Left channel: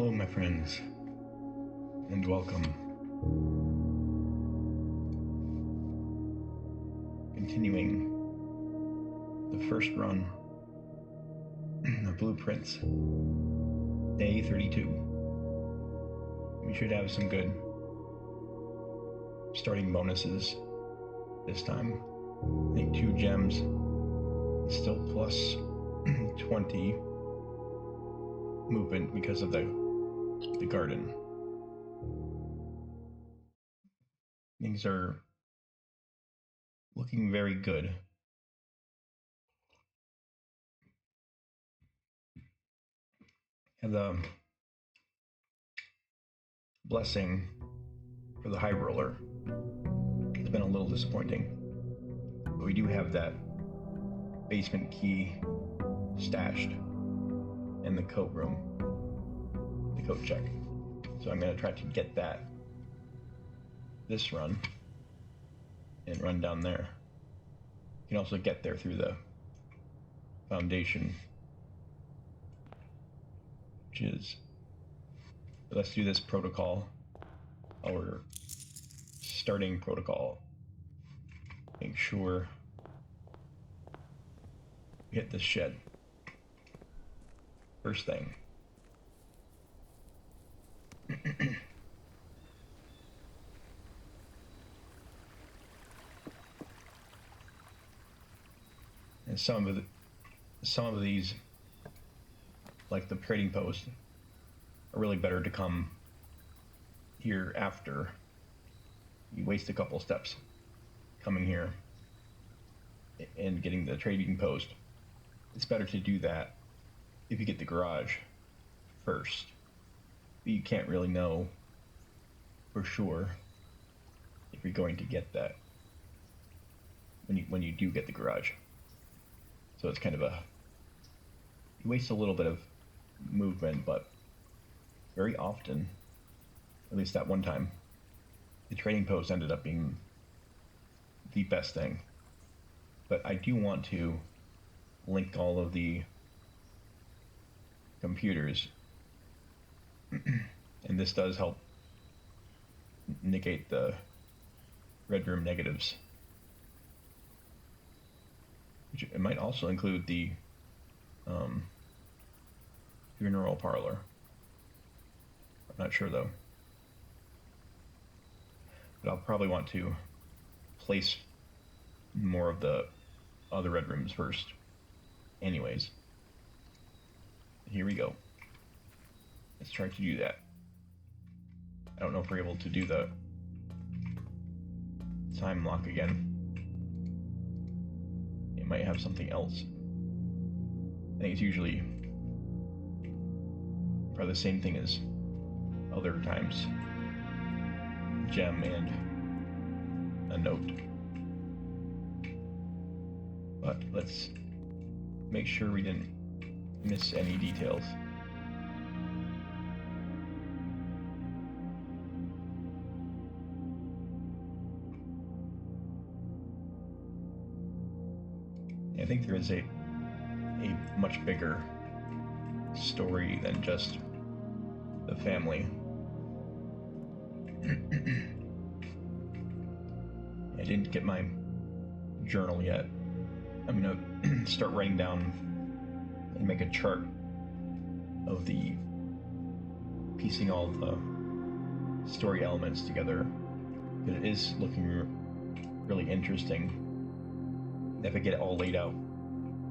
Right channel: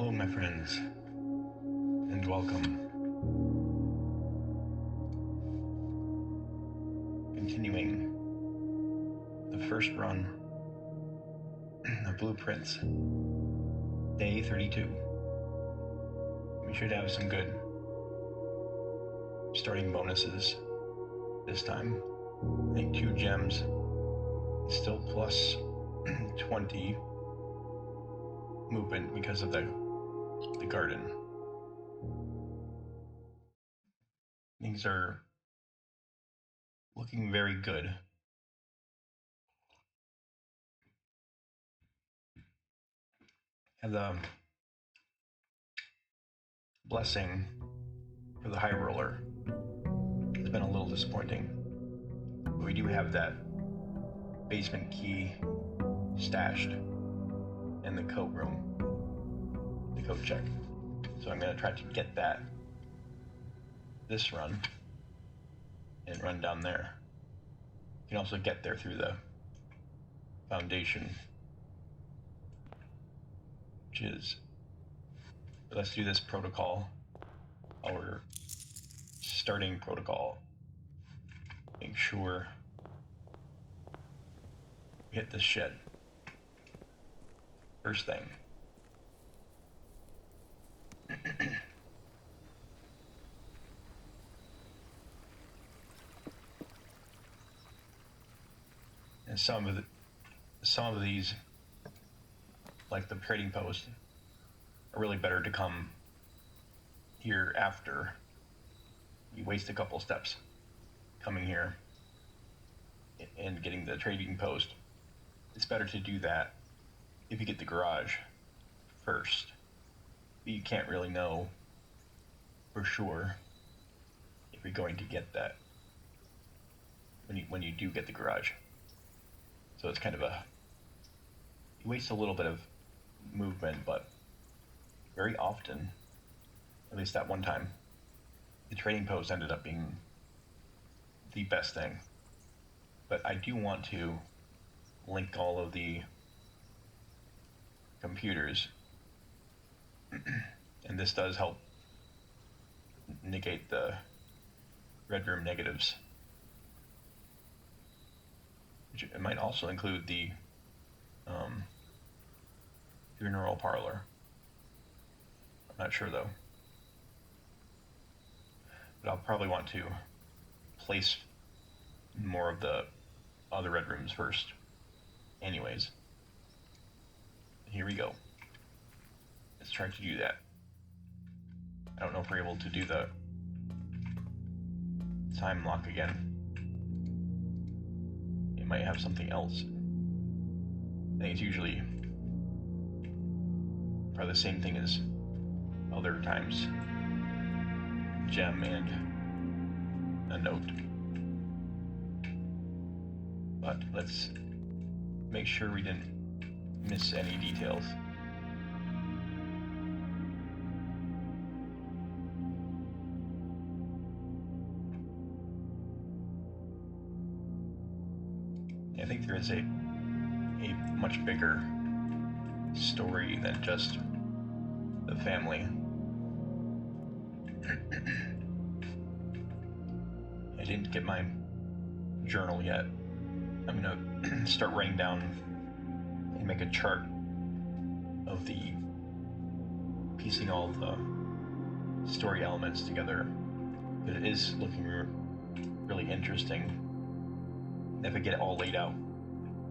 Hello, my friends, and welcome. Continuing the first run of Blueprints, day 32. We should have some good starting bonuses this time. I think 2 gems, still plus 20 movement because of the garden. Things are looking very good. And the blessing for the high roller has been a little disappointing. But we do have that basement key stashed in the coat room, the coat check. So I'm going to try to get that this run and run down there. You can also get there through the foundation, which is, let's do this protocol, our starting protocol. Make sure we hit this shed first thing. And some of these, like the trading post, are really better to come here after you waste a couple steps coming here and getting the trading post. It's better to do that if you get the garage first. But you can't really know for sure if you're going to get that when you do get the garage. So it's kind of you waste a little bit of movement, but very often, at least that one time, the trading post ended up being the best thing. But I do want to link all of the computers, and this does help negate the red room negatives, which it might also include the funeral parlor. I'm not sure though, but I'll probably want to place more of the other red rooms first anyways. Here we go. Let's try to do that. I don't know if we're able to do the time lock again. It might have something else. I think it's usually probably the same thing as other times. Gem and a note. But let's make sure we didn't miss any details. I think there is a much bigger story than just the family. I didn't get my journal yet. I'm gonna start writing down and make a chart of the piecing all the story elements together. But it is looking really interesting. If I get it all laid out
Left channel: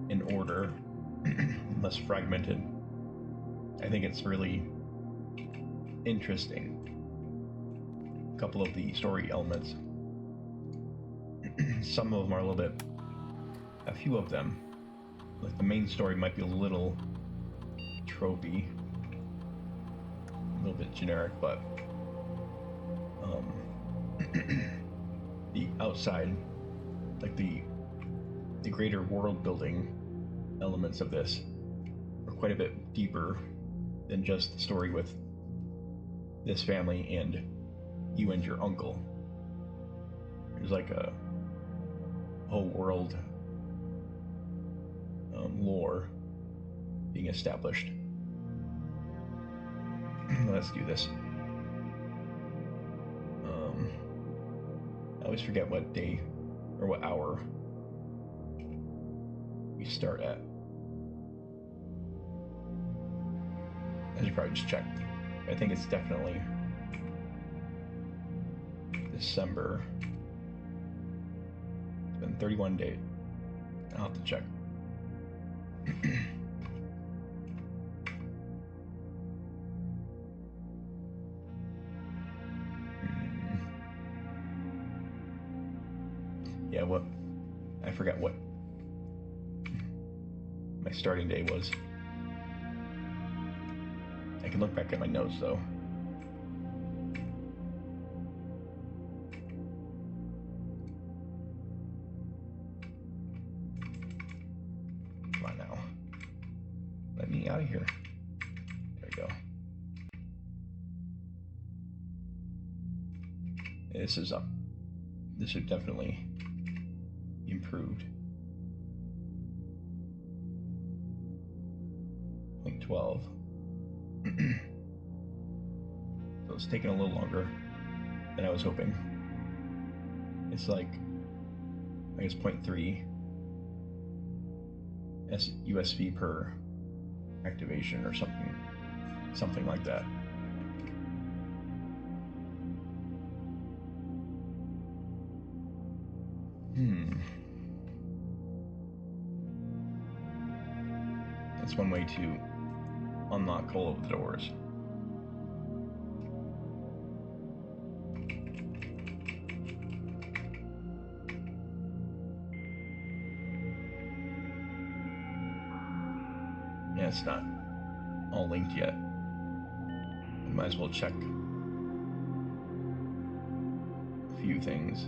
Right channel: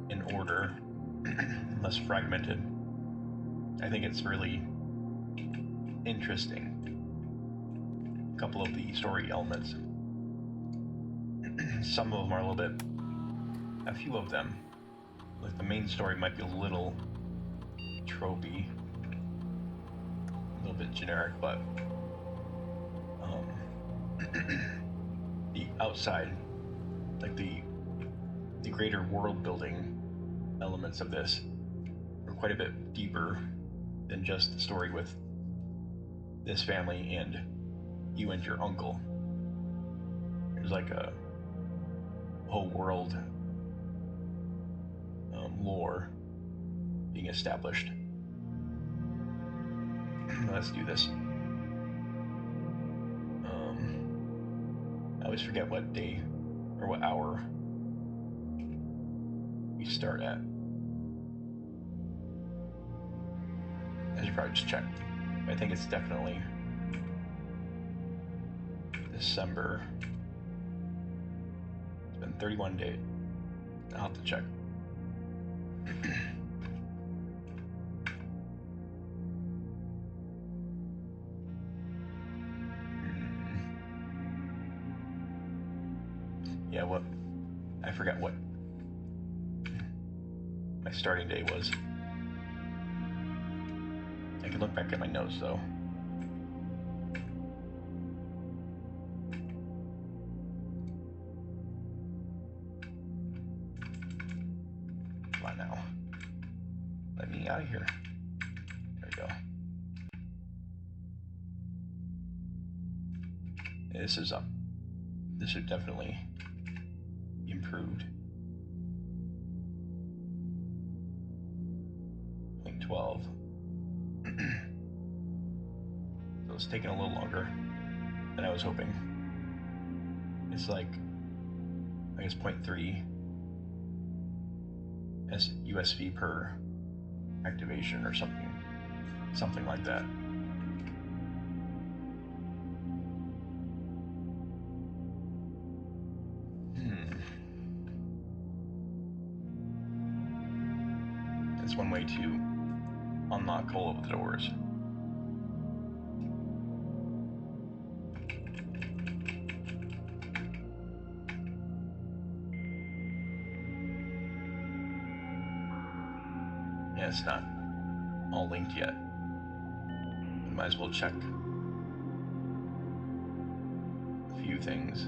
in order, less fragmented, I think it's really interesting. A couple of the story elements, some of them are a few of them, like the main story might be a little tropey, a little bit generic, but the outside, like the greater world building elements of this are quite a bit deeper than just the story with this family and you and your uncle. There's like a whole world lore being established. Let's do this. I always forget what day or what hour we start at. I should probably just check. I think it's definitely December. It's been 31 days. I'll have to check. Yeah, what? I forgot what my starting day was. I can look back at my notes though. Come on now. Let me out of here. There we go. This is up. This is definitely improved. I think 12. So it's taking a little longer than I was hoping. It's like, I guess 0.3 USV per activation or something like that. That's one way to unlock all of the doors. Yeah, it's not all linked yet. Might as well check a few things.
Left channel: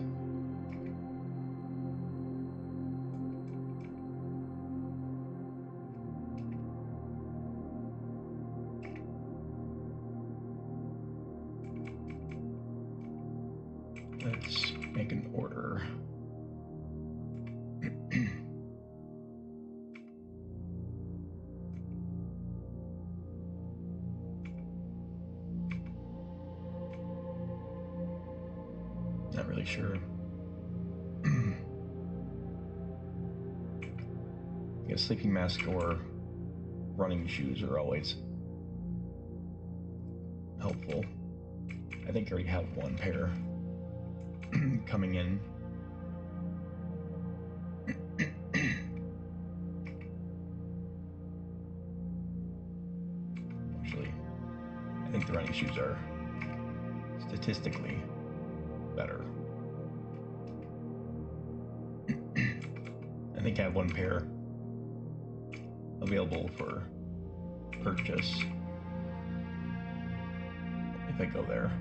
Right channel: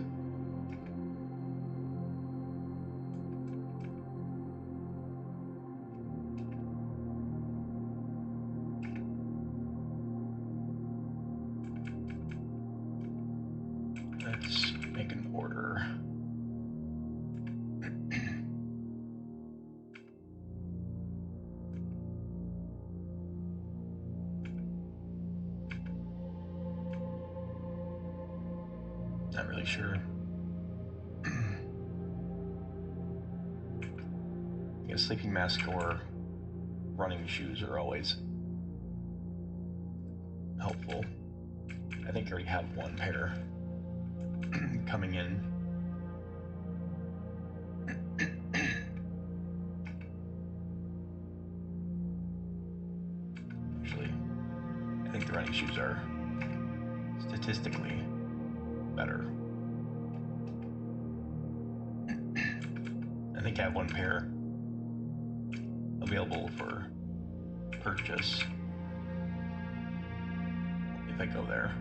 Let's make an order. Not really sure. Yeah, sleeping mask or running shoes are always helpful. I think I already have one pair coming in. Actually, I think the running shoes are statistically better. I think I have one pair available for purchase if I go there.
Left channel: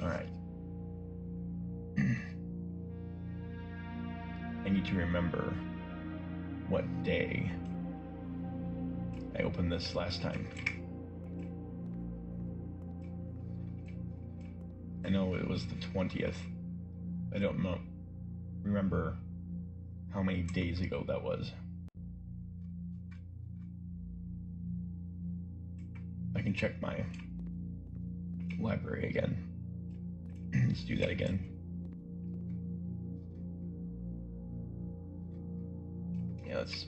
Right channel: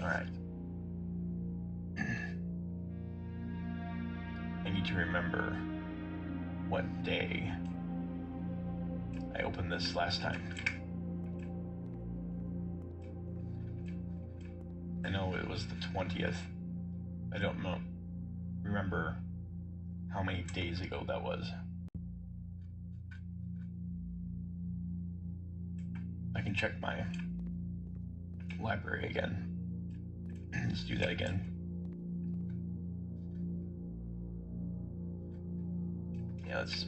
All right. I need to remember what day I opened this last time. I know it was the 20th. I don't remember how many days ago that was. I can check my library again. Let's do that again. Yeah, let's...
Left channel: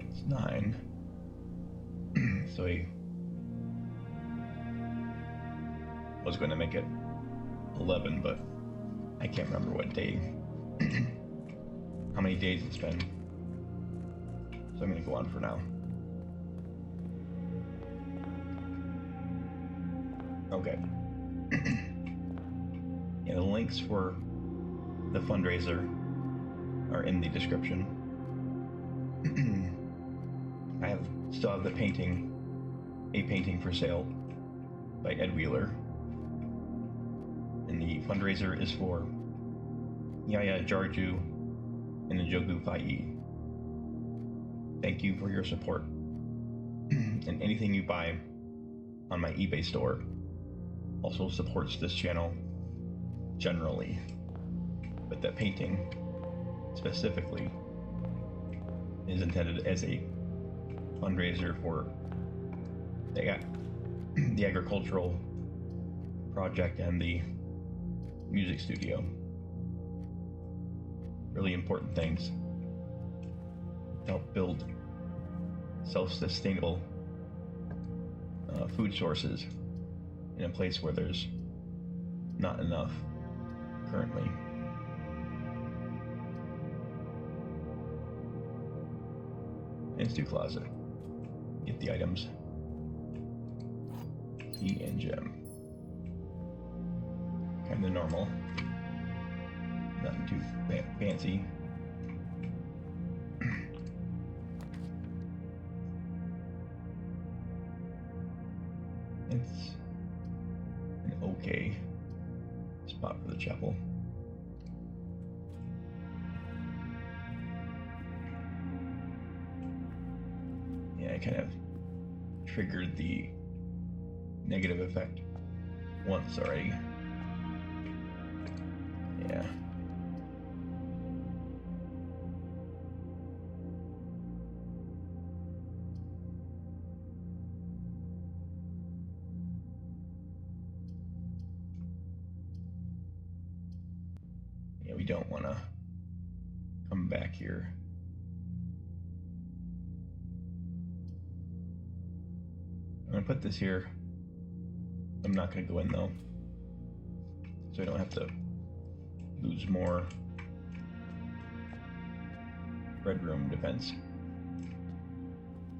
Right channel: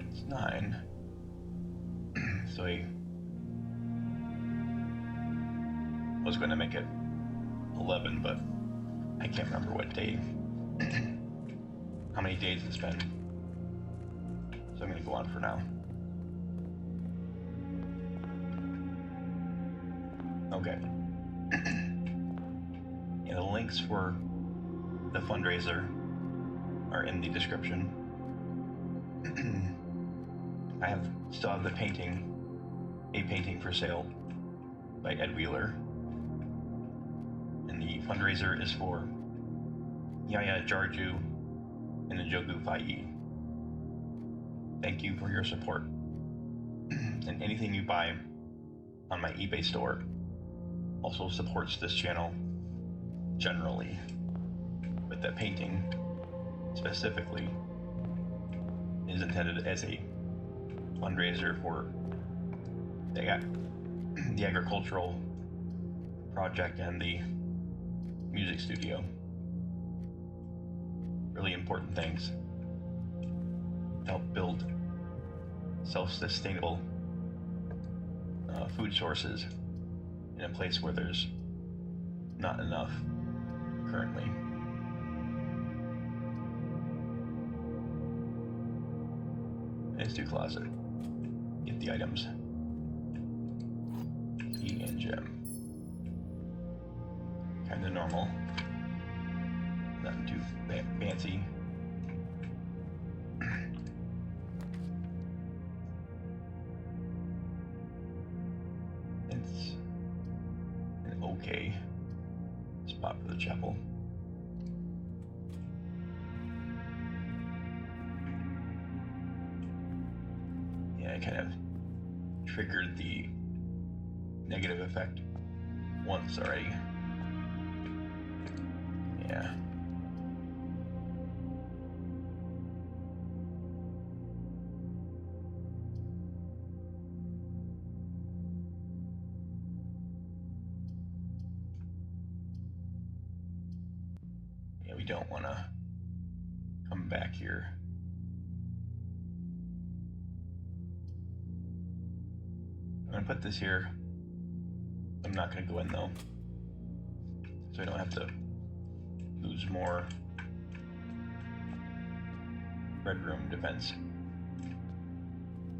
It's 9. So I was going to make it 11, but I can't remember what day, how many days it's been. So I'm going to go on for now. Okay. Yeah, the links for the fundraiser are in the description. I still have a painting for sale by Ed Wheeler, and the fundraiser is for Yaya Jarju and Njogu Fai. Thank you for your support, and anything you buy on my eBay store also supports this channel generally, but that painting specifically is intended as a fundraiser for the agricultural project and the music studio. Really important things to help build self-sustainable food sources in a place where there's not enough currently. Into closet. Get the items. E and gem. Kinda normal. Nothing too fancy. It's an okay spot for the chapel. Yeah, I kind of triggered the negative effect once already. Yeah. Yeah, we don't want to come back here. I'm going to put this here. I'm not going to go in though, so I don't have to lose more red room defense.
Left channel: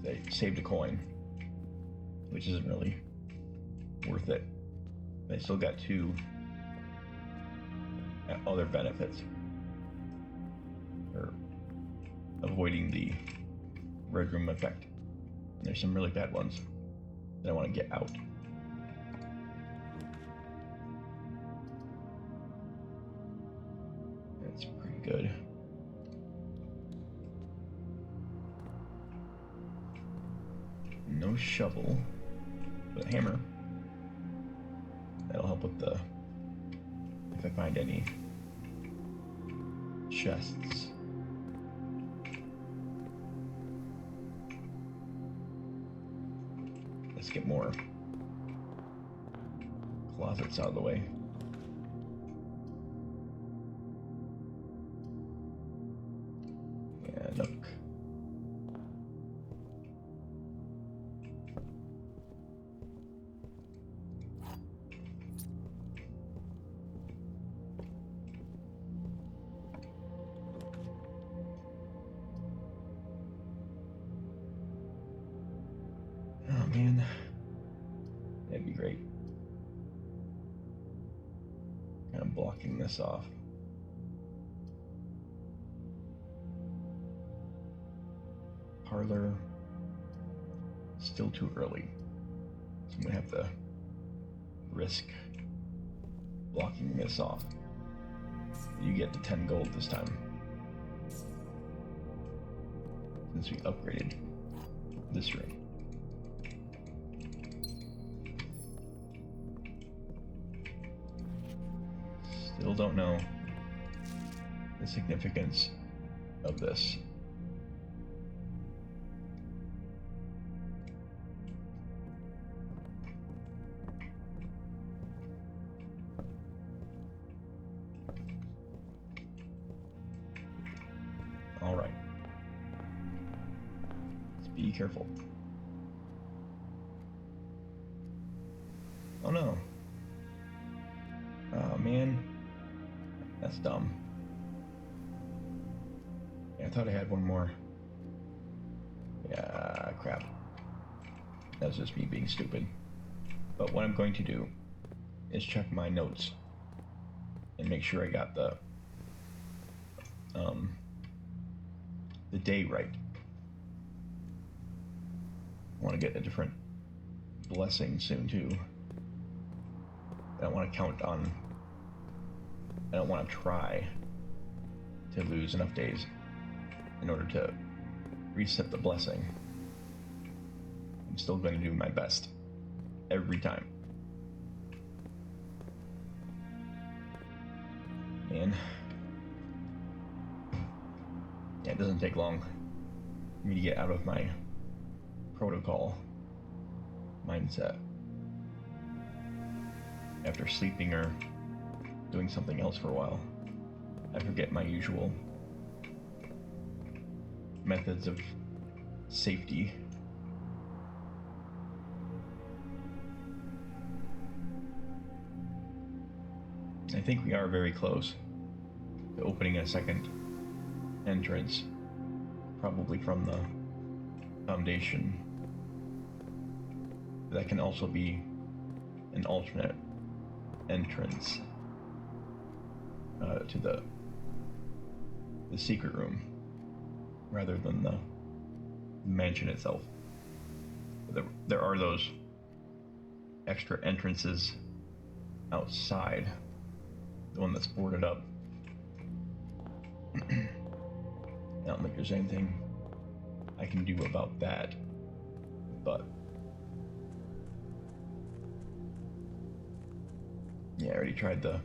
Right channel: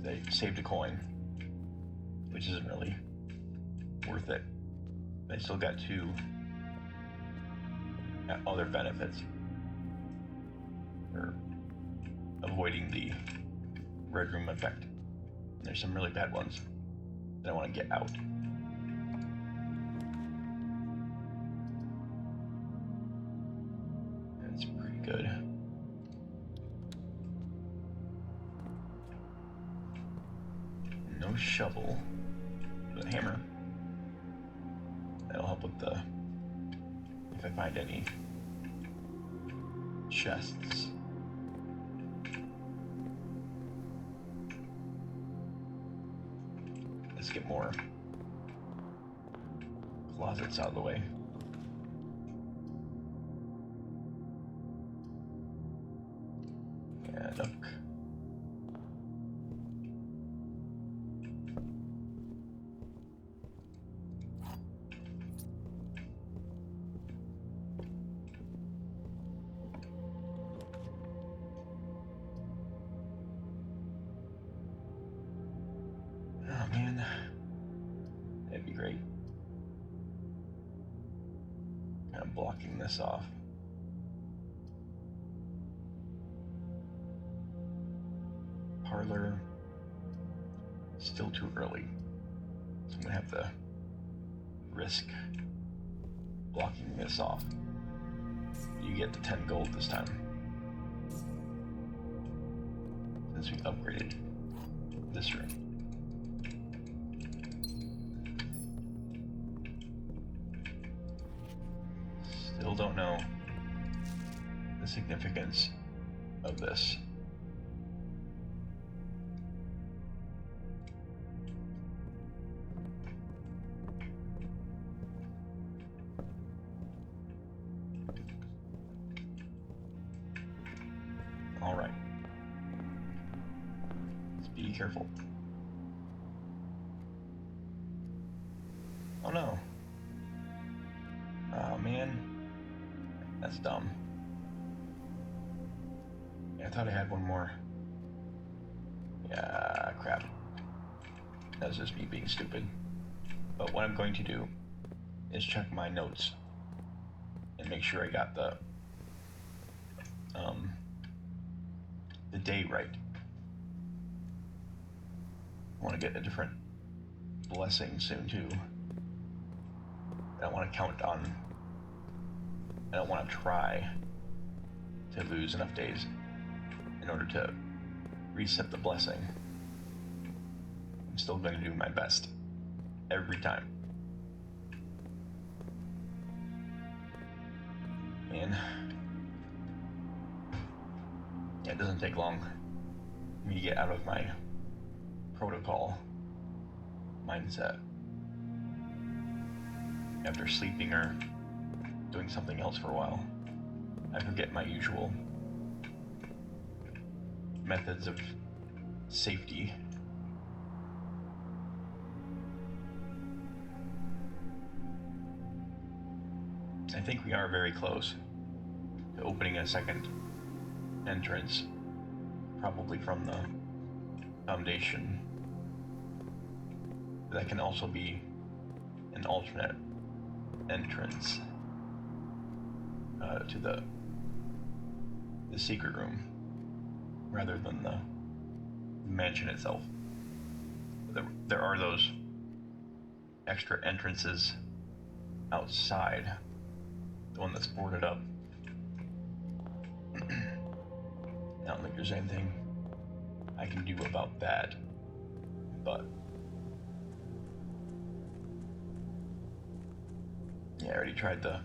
They saved a coin, which isn't really worth it. I still got 2 other benefits for avoiding the red room effect. There's some really bad ones that I want to get out. That's pretty good. No shovel, but a hammer. That'll help with the, if I find any chests. Let's get more closets out of the way. Yeah, look. Oh man, that'd be great. Kind of blocking this off. Parlor, still too early, so I'm gonna have to risk blocking this off. You get the 10 gold this time, since we upgraded this room. Still don't know the significance of this. All right. Let's be careful. Oh no. Oh man. That's dumb. Yeah, I thought I had one more. Yeah, crap. That's just me being stupid. But what I'm going to do is check my notes and make sure I got the day right. I want to get a different blessing soon too. I don't want to count on. I don't want to try to lose enough days in order to reset the blessing. I'm still going to do my best every time. Man. Yeah, it doesn't take long for me to get out of my protocol mindset after sleeping or doing something else for a while. I forget my usual methods of safety. I think we are very close to opening a second entrance, probably from the foundation. That can also be an alternate entrance to the secret room rather than the mansion itself. There are those extra entrances outside, the one that's boarded up. I don't think there's anything I can do about that, but yeah, I already tried the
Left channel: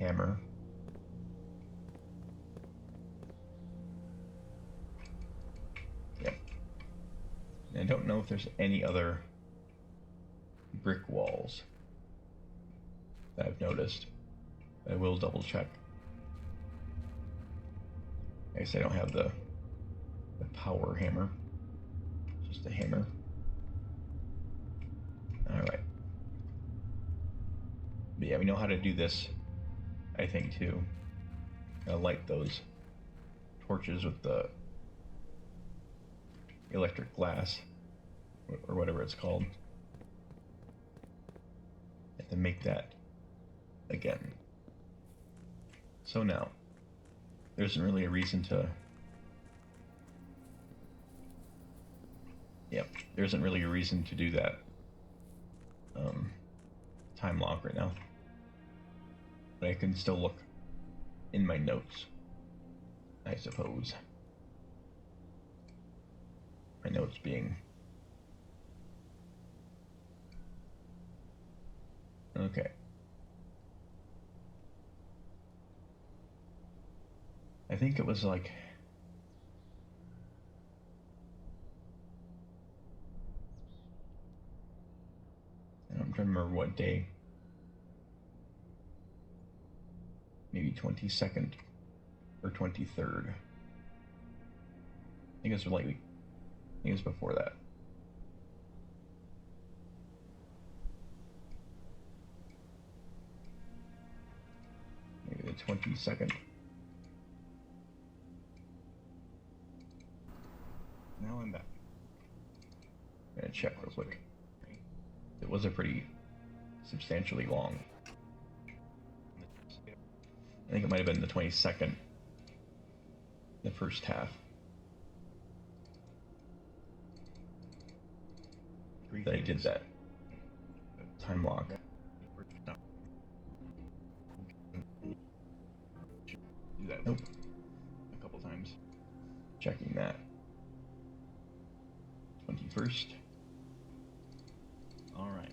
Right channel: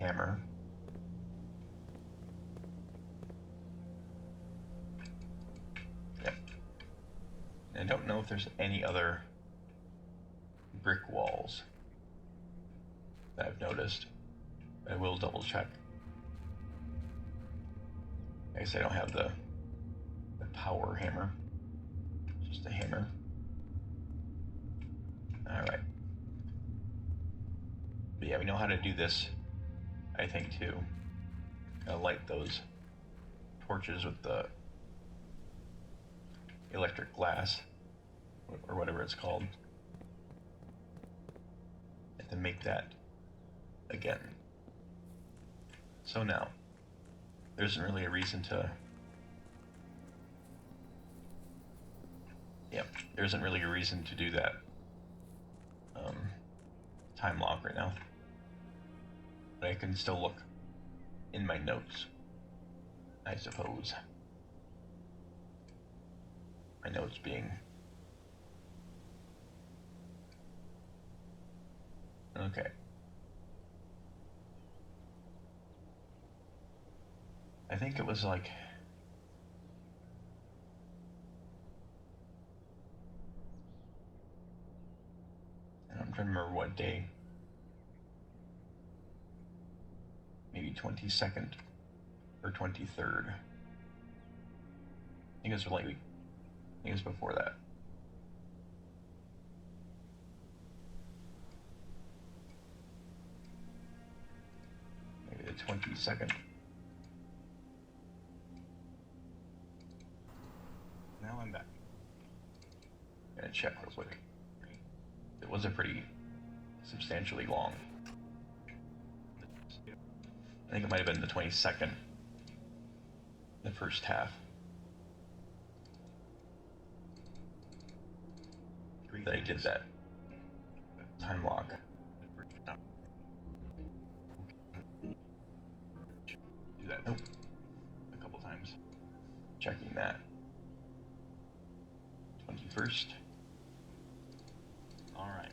hammer. Yep. And I don't know if there's any other brick walls that I've noticed. I will double check. I guess I don't have the power hammer. Just a hammer. Alright. But yeah, we know how to do this, I think, too. Light those torches with the electric glass, or whatever it's called. And then make that again. So now, there isn't really a reason to... Yep, there isn't really a reason to do that time lock right now. But I can still look in my notes, I suppose. My notes being... Okay. I think it was like... I'm trying to remember what day. Maybe 22nd or 23rd. I think it was lately. I think it was before that. Maybe the 22nd. Now I'm back. I'm gonna check real quick. It was a pretty substantially long. I think it might have been the 22nd, the first half. That I did that time lock. Do that. Nope. A couple times. Checking that. 21st. Alright.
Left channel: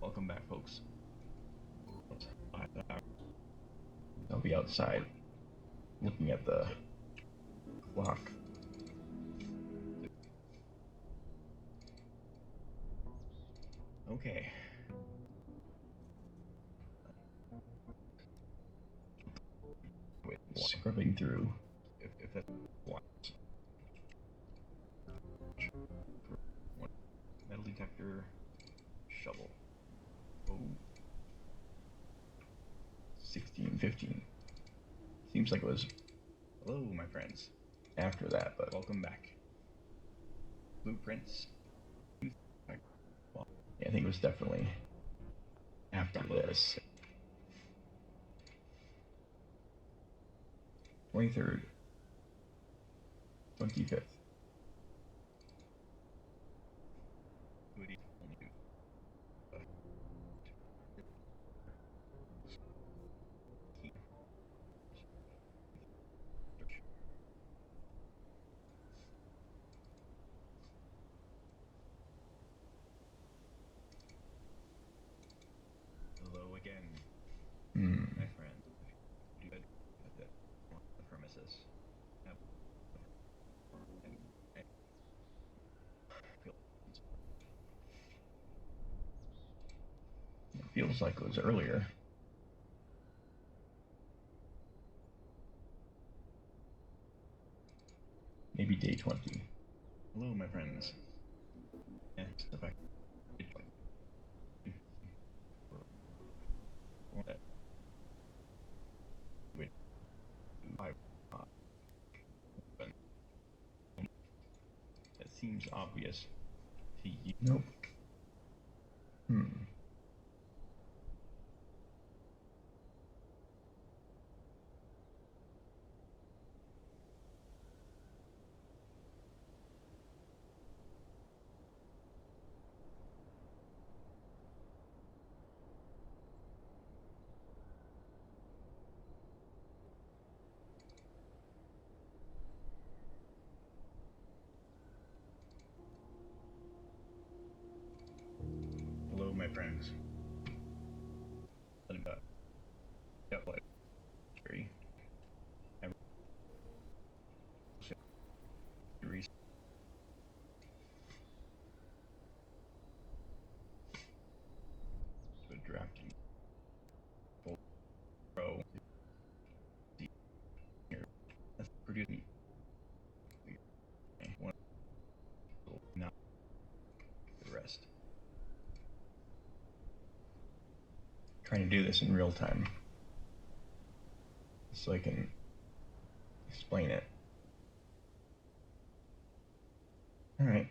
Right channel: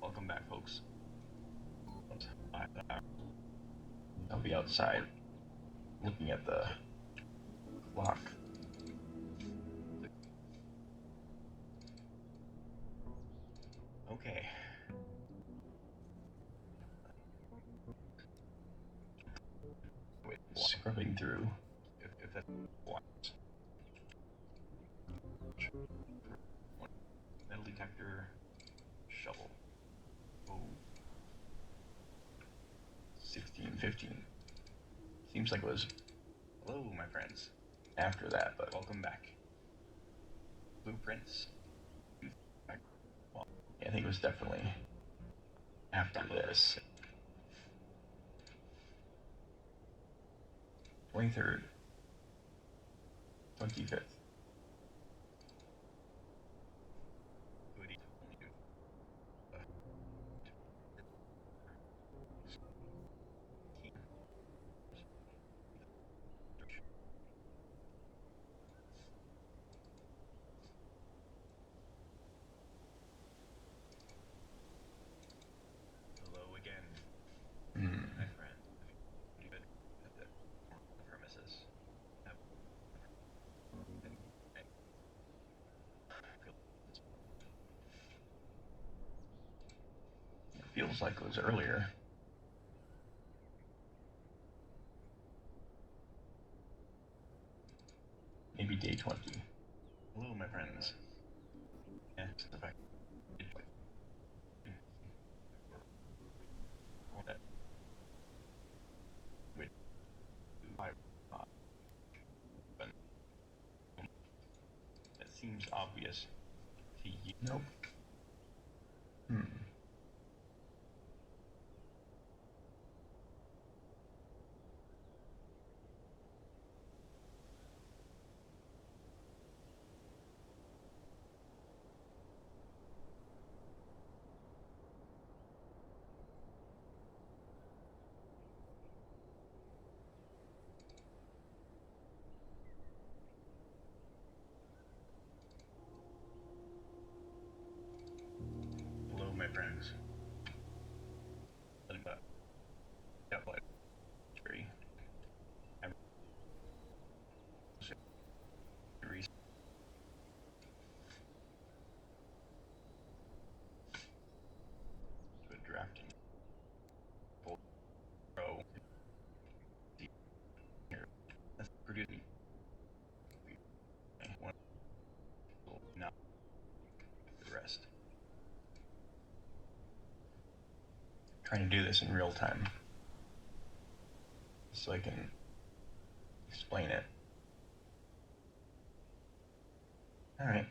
Welcome back, folks. I'll be outside looking at the clock. Okay. Scrubbing through. If that's what. Metal detector. Shovel. Oh. 16, 15. Seems like it was, hello, my friends, after that, but welcome back. Blueprints. Yeah, I think it was definitely after this. 23rd, 25th. Hello again, my friend. You good at the premises? It feels like it was earlier. Maybe day 20. Hello, my friends. Yeah, the fact. That seems obvious to you. Nope. Hello, my friends. Drafting pro here. Let's produce one not the rest. Trying to do this in real time so I can explain it. All right.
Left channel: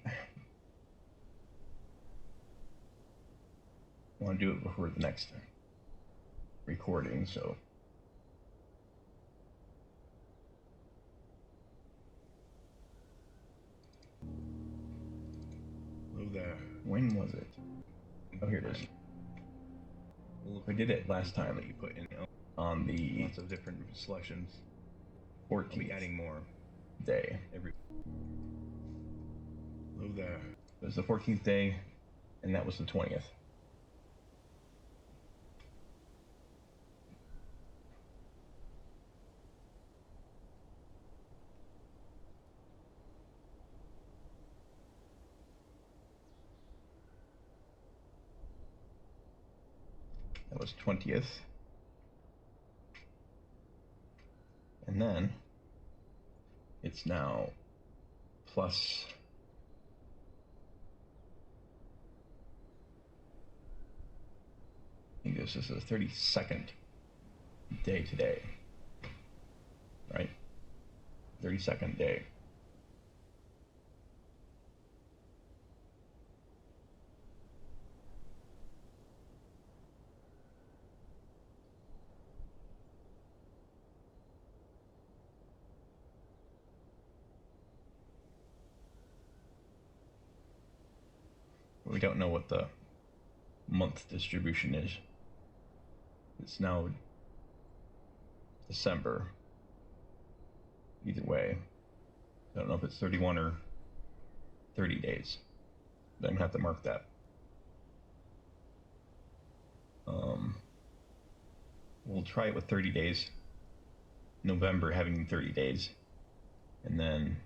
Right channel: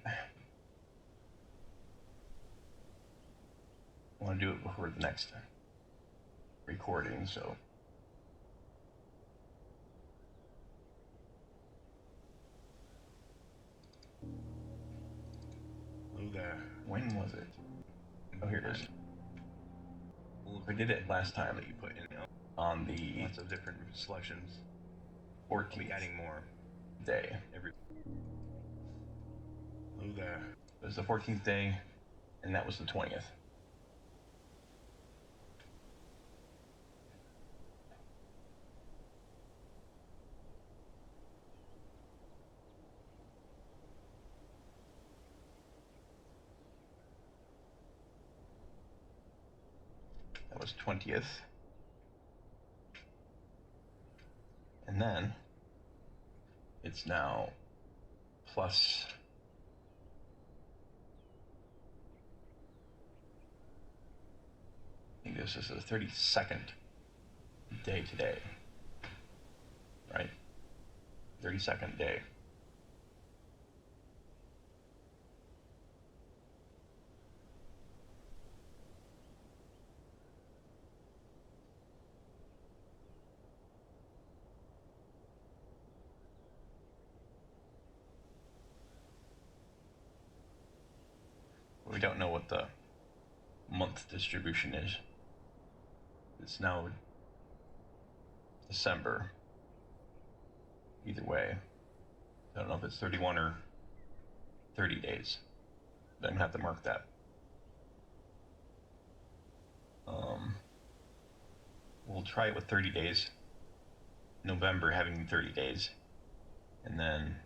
I want to do it before the next recording, so Hello there. when was it? Oh, here it is. I did it last time That you put in on the lots of different selections. 14th I'll be adding more day. every. Hello there. It was the 14th day, and that was the 20th. That was 20th. And then it's now plus I think this is the 32nd day today, right? 32nd day. We don't know what the month distribution is. It's now December. Either way, I don't know if it's 31 or 30 days. I'm gonna have to mark that. We'll try it with 30 days. November having 30 days, and then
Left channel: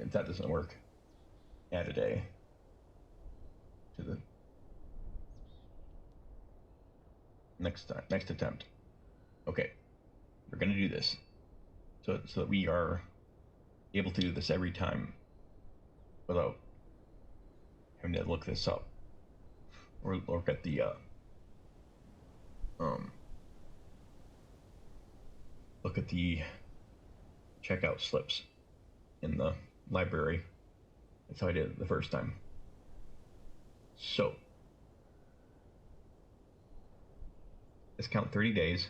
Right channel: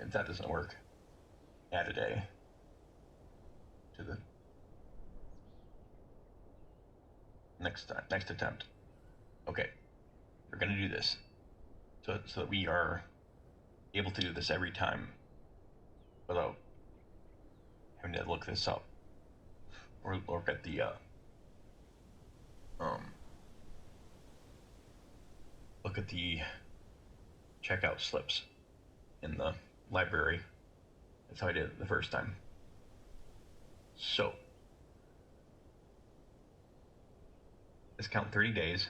if that doesn't work, add a day to the next attempt. Okay, we're gonna do this so that we are able to do this every time without having to look this up or look at the look at the checkout slips in the library. That's how I did it the first time. So let's count 30 days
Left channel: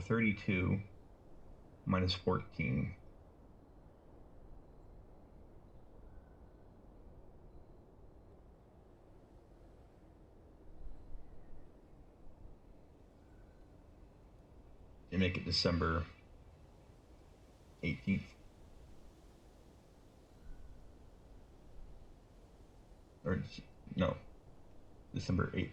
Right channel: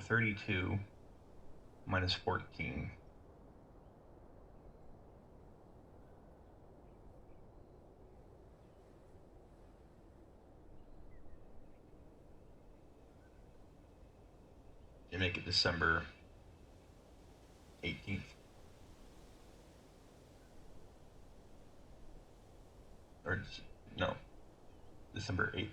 So 32 minus 14. You make it December 18th. Or, no, December 8th.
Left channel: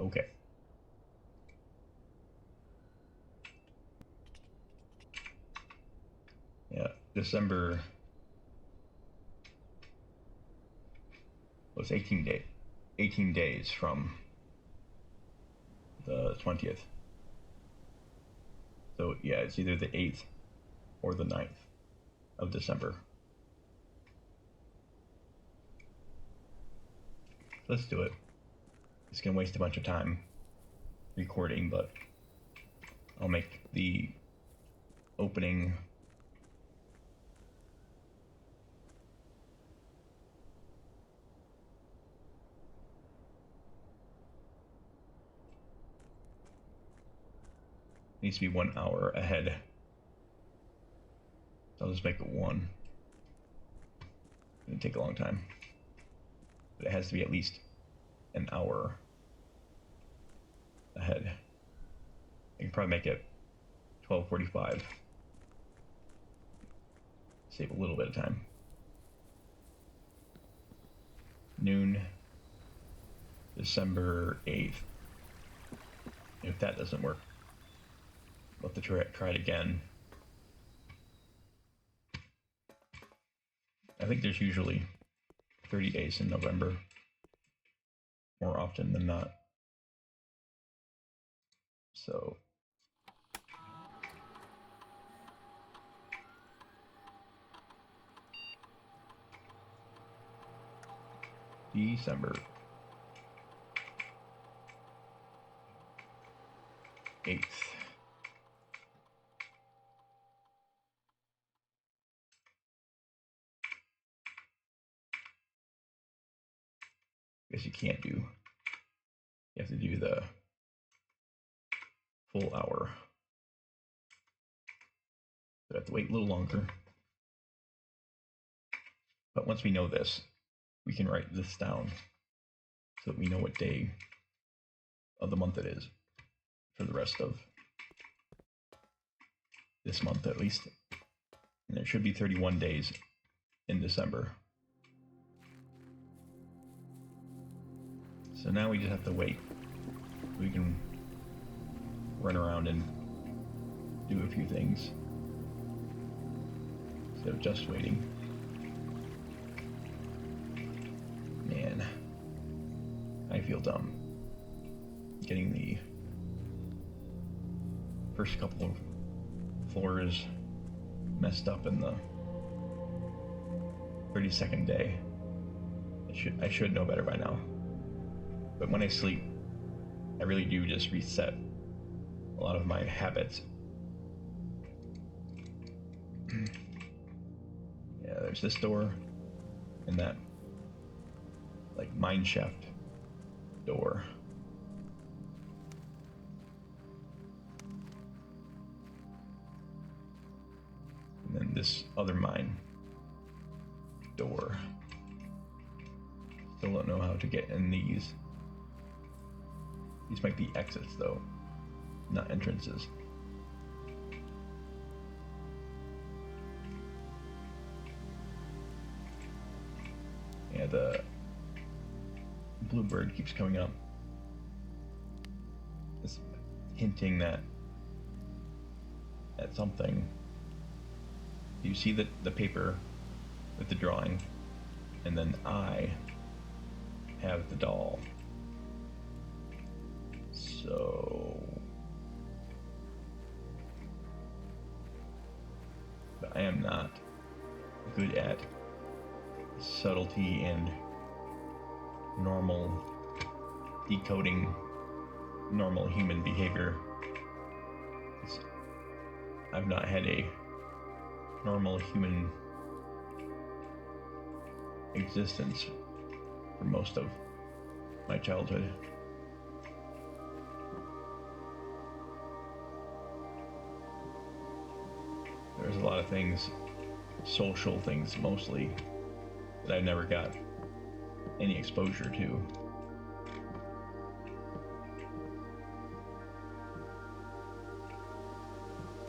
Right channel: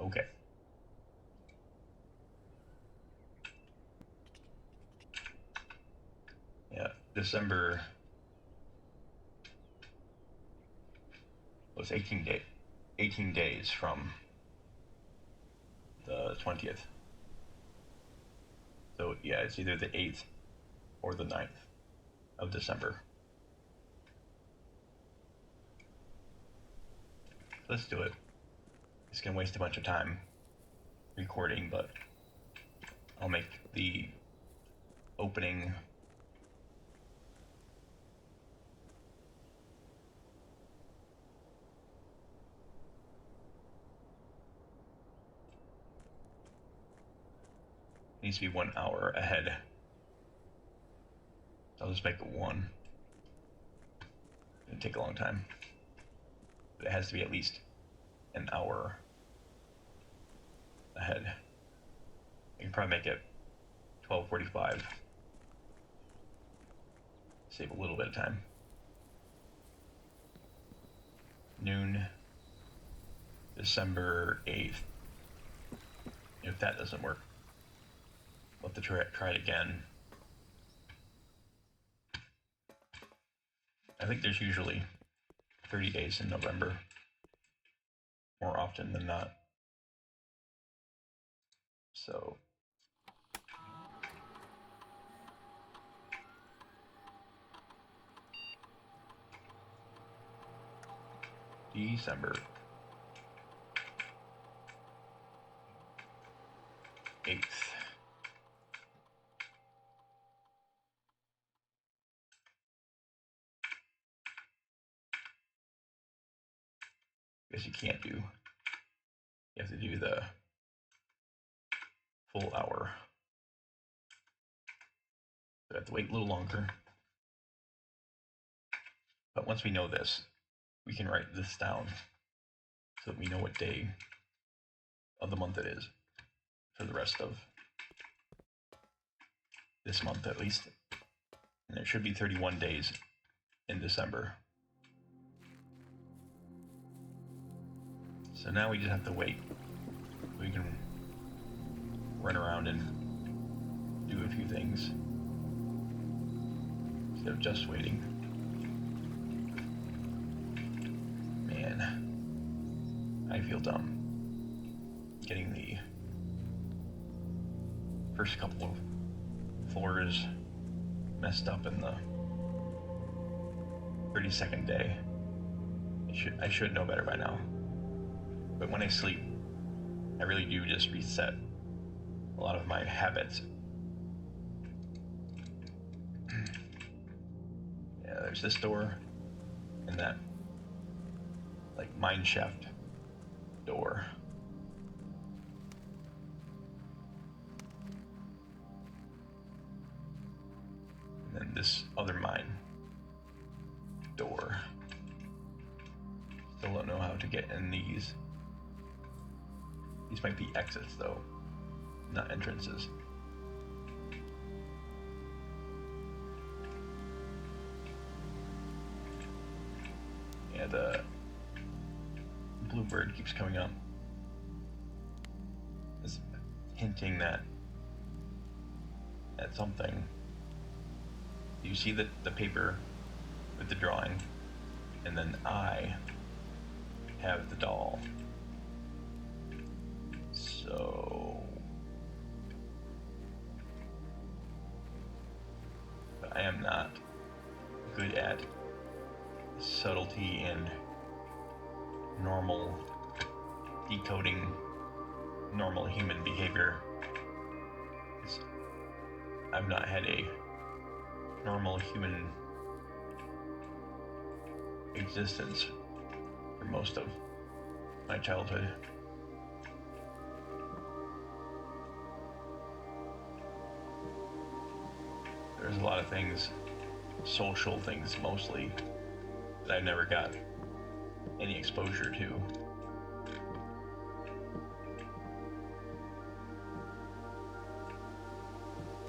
Okay. Yeah, December was 18 days from the 20th. So yeah, it's either the 8th or the 9th of December. Let's do it. It's gonna waste a bunch of time recording, but I'll make the opening needs to be 1 hour ahead. I'll just make it 1. It'll take a long time, but it has to be at least an hour ahead. I can probably make it 12:45. Save a little bit of time. Noon, December 8th. If that doesn't work, we'll have to try it again. I think there's usually 30 days in November, more often than not. So December 8th. Guess you can't do. You have to do the full hour. So I have to wait a little longer. But once we know this, we can write this down so that we know what day of the month it is for the rest of this month at least. And there should be 31 days in December. So now we just have to wait. We can run around and do a few things instead of just waiting. Man, I feel dumb getting the first couple of floors messed up in the 32nd day. I should know better by now. But when I sleep, I really do just reset a lot of my habits. Yeah, there's this door and that like mine shaft door. And then this other mine door. Still don't know how to get in these. These might be exits though, not entrances. Yeah, the bluebird keeps coming up. It's hinting that at something. You see the paper with the drawing, and then I have the doll. So but I am not good at subtlety and normal decoding normal human behavior. I've not had a normal human existence for most of my childhood. There's a lot of things, social things mostly, that I never got any exposure to.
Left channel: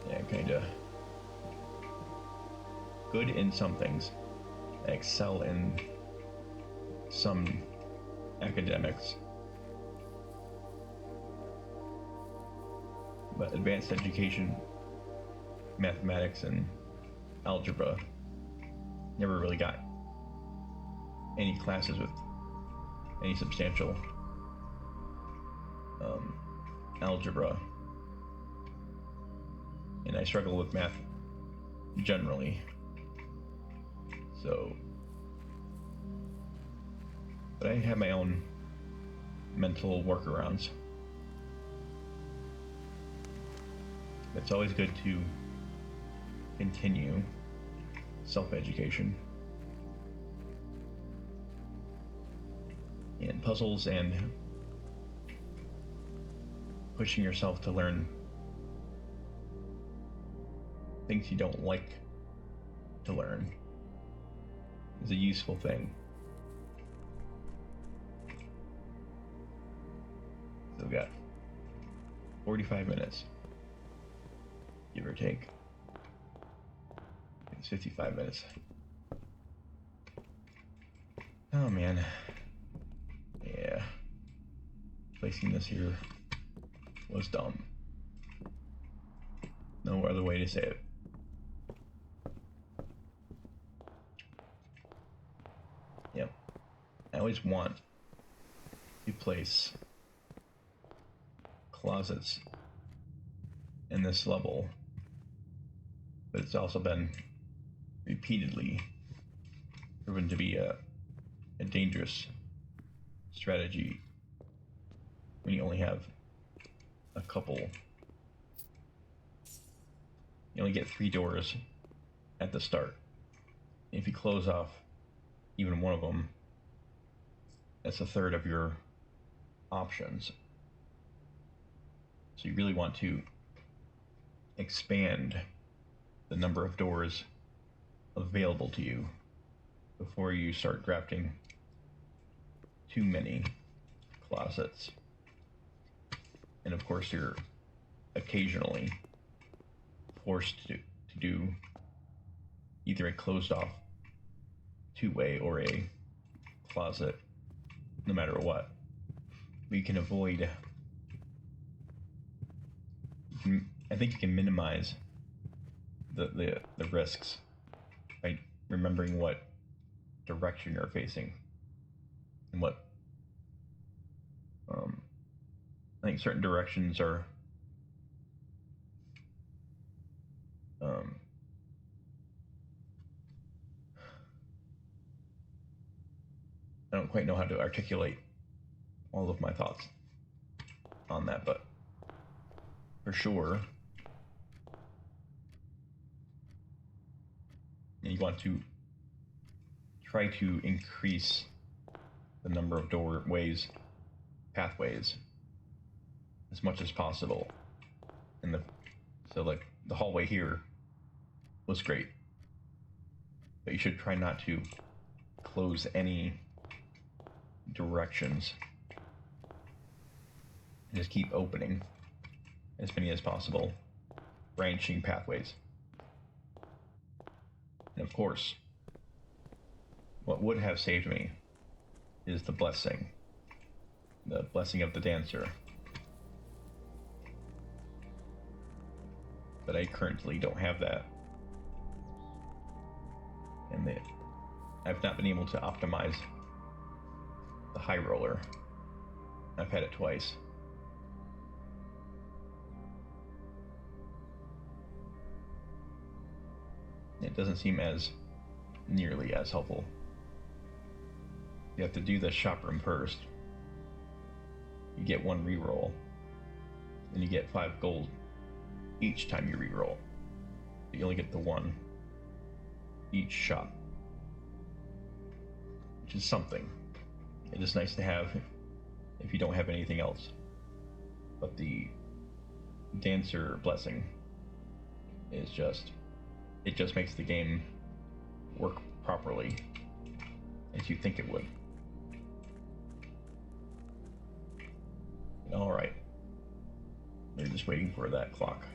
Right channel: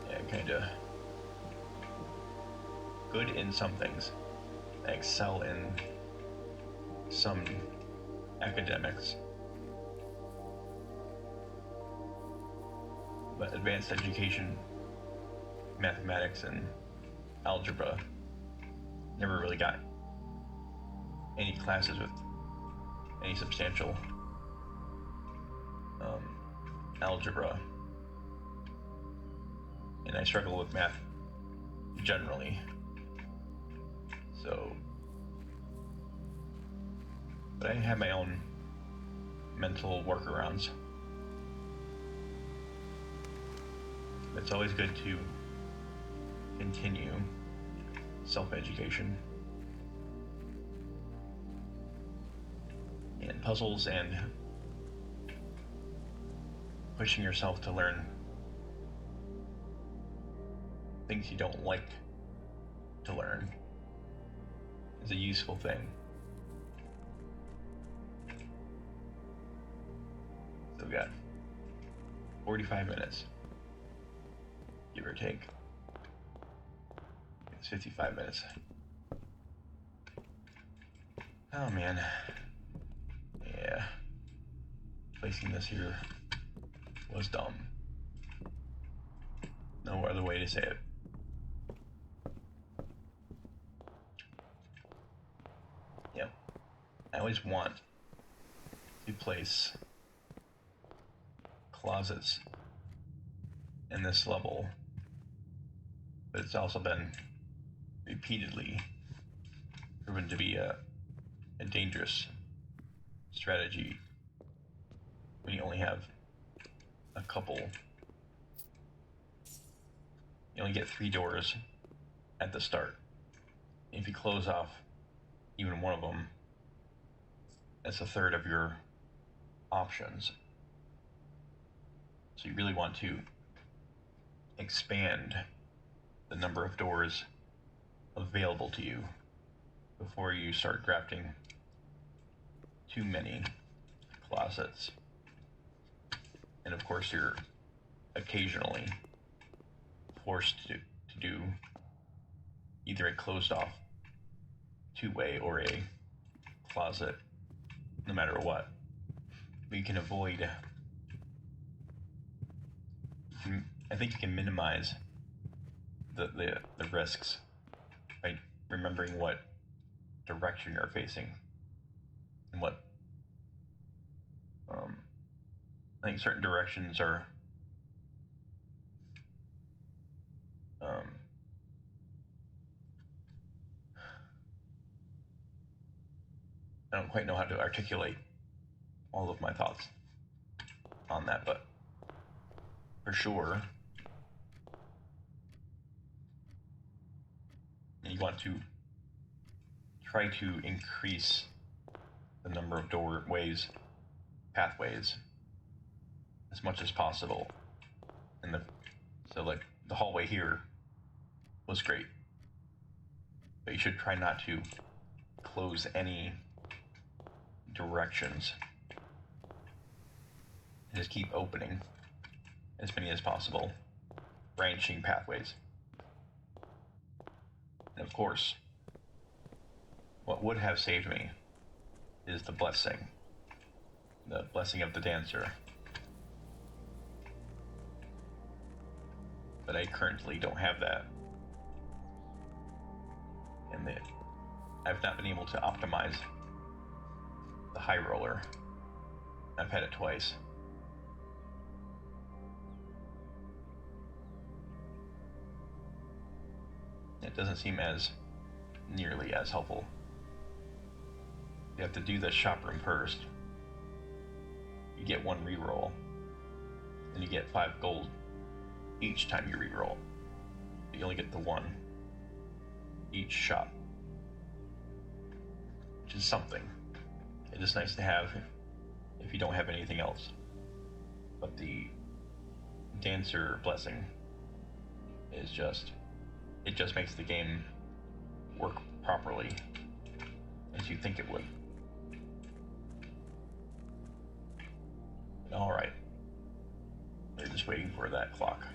Yeah, kinda good in some things. I excel in some academics, but advanced education, mathematics and algebra, never really got any classes with any substantial algebra, and I struggle with math generally, so, but I have my own mental workarounds. It's always good to continue self-education, and puzzles and pushing yourself to learn things you don't like to learn is a useful thing. So we got 45 minutes, give or take. It's 55 minutes. Oh man. Yeah. Placing this here was dumb. No other way to say it. Yep. I always want to place closets in this level, but it's also been repeatedly proven to be a dangerous strategy when you only have a couple. You only get 3 doors at the start. If you close off even one of them, that's a third of your options. So you really want to expand the number of doors available to you before you start drafting too many closets. And of course, you're occasionally forced to do either a closed off two-way or a closet, no matter what. But you can avoid, I think you can minimize the risks by remembering what direction you're facing and what I think certain directions are I don't quite know how to articulate all of my thoughts on that, but for sure you want to try to increase the number of doorways, pathways, as much as possible. And so like the hallway here was great, but you should try not to close any directions. Just keep opening as many as possible, branching pathways. And of course, what would have saved me is the blessing of the dancer. But I currently don't have that, and I've not been able to optimize the high roller. I've had it twice. It doesn't seem as nearly as helpful. You have to do the shop room first. You get 1 reroll, and you get 5 gold each time you reroll. You only get the 1 each shop. which is something. It is nice to have if you don't have anything else. But the Dancer blessing is just, it just makes the game work properly as you think it would. Alright. They're just waiting for that clock.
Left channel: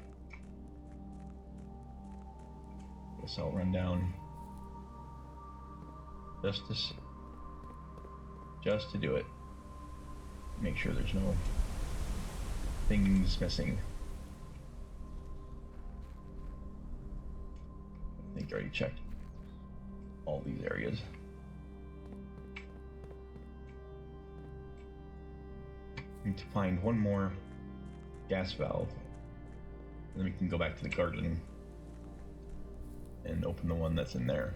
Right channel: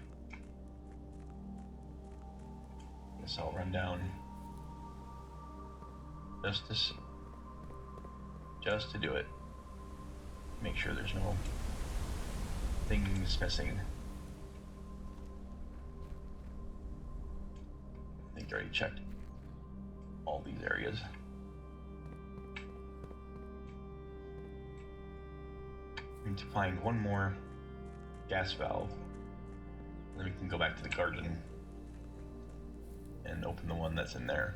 Guess I'll run down just to do it. Make sure there's no things missing. I think I already checked all these areas. Need to find one more gas valve, then we can go back to the garden and open the one that's in there.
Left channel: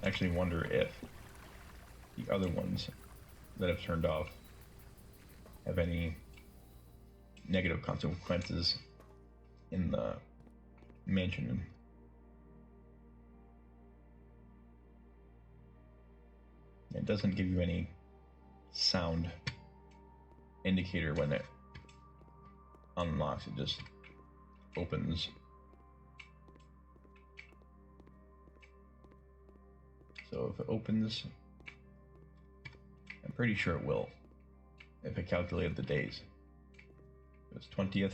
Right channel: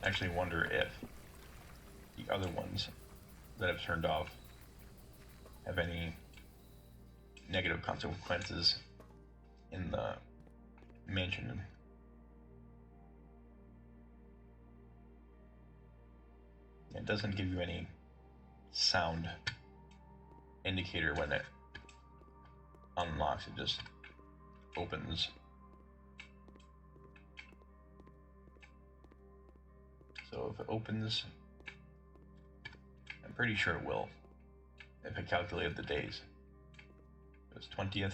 I actually wonder if the other ones that have turned off have any negative consequences in the mansion. It doesn't give you any sound indicator when it unlocks, it just opens. So if it opens, I'm pretty sure it will, if I calculated the days. It was 20th,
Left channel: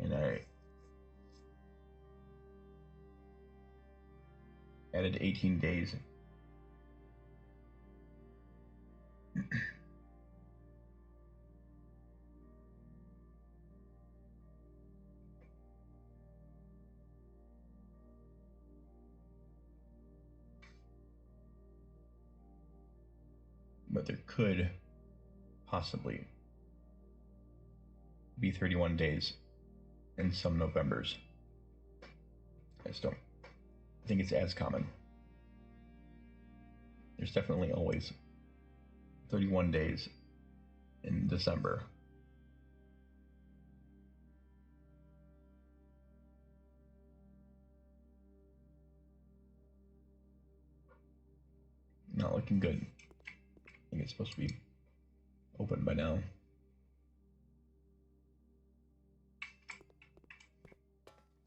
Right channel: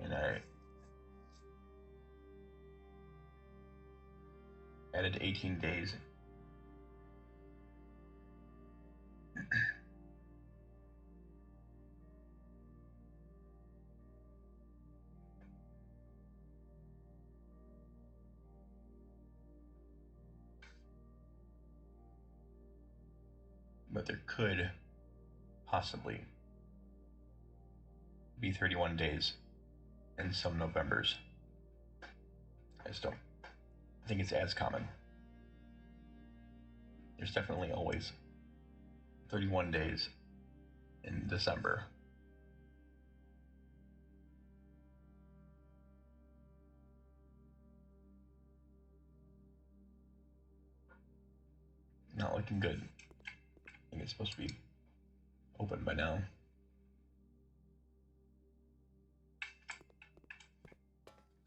and I added 18 days. But there could possibly be 31 days in some Novembers. I just don't think it's as common. There's definitely always 31 days in December. Not looking good. I think it's supposed to be open by now.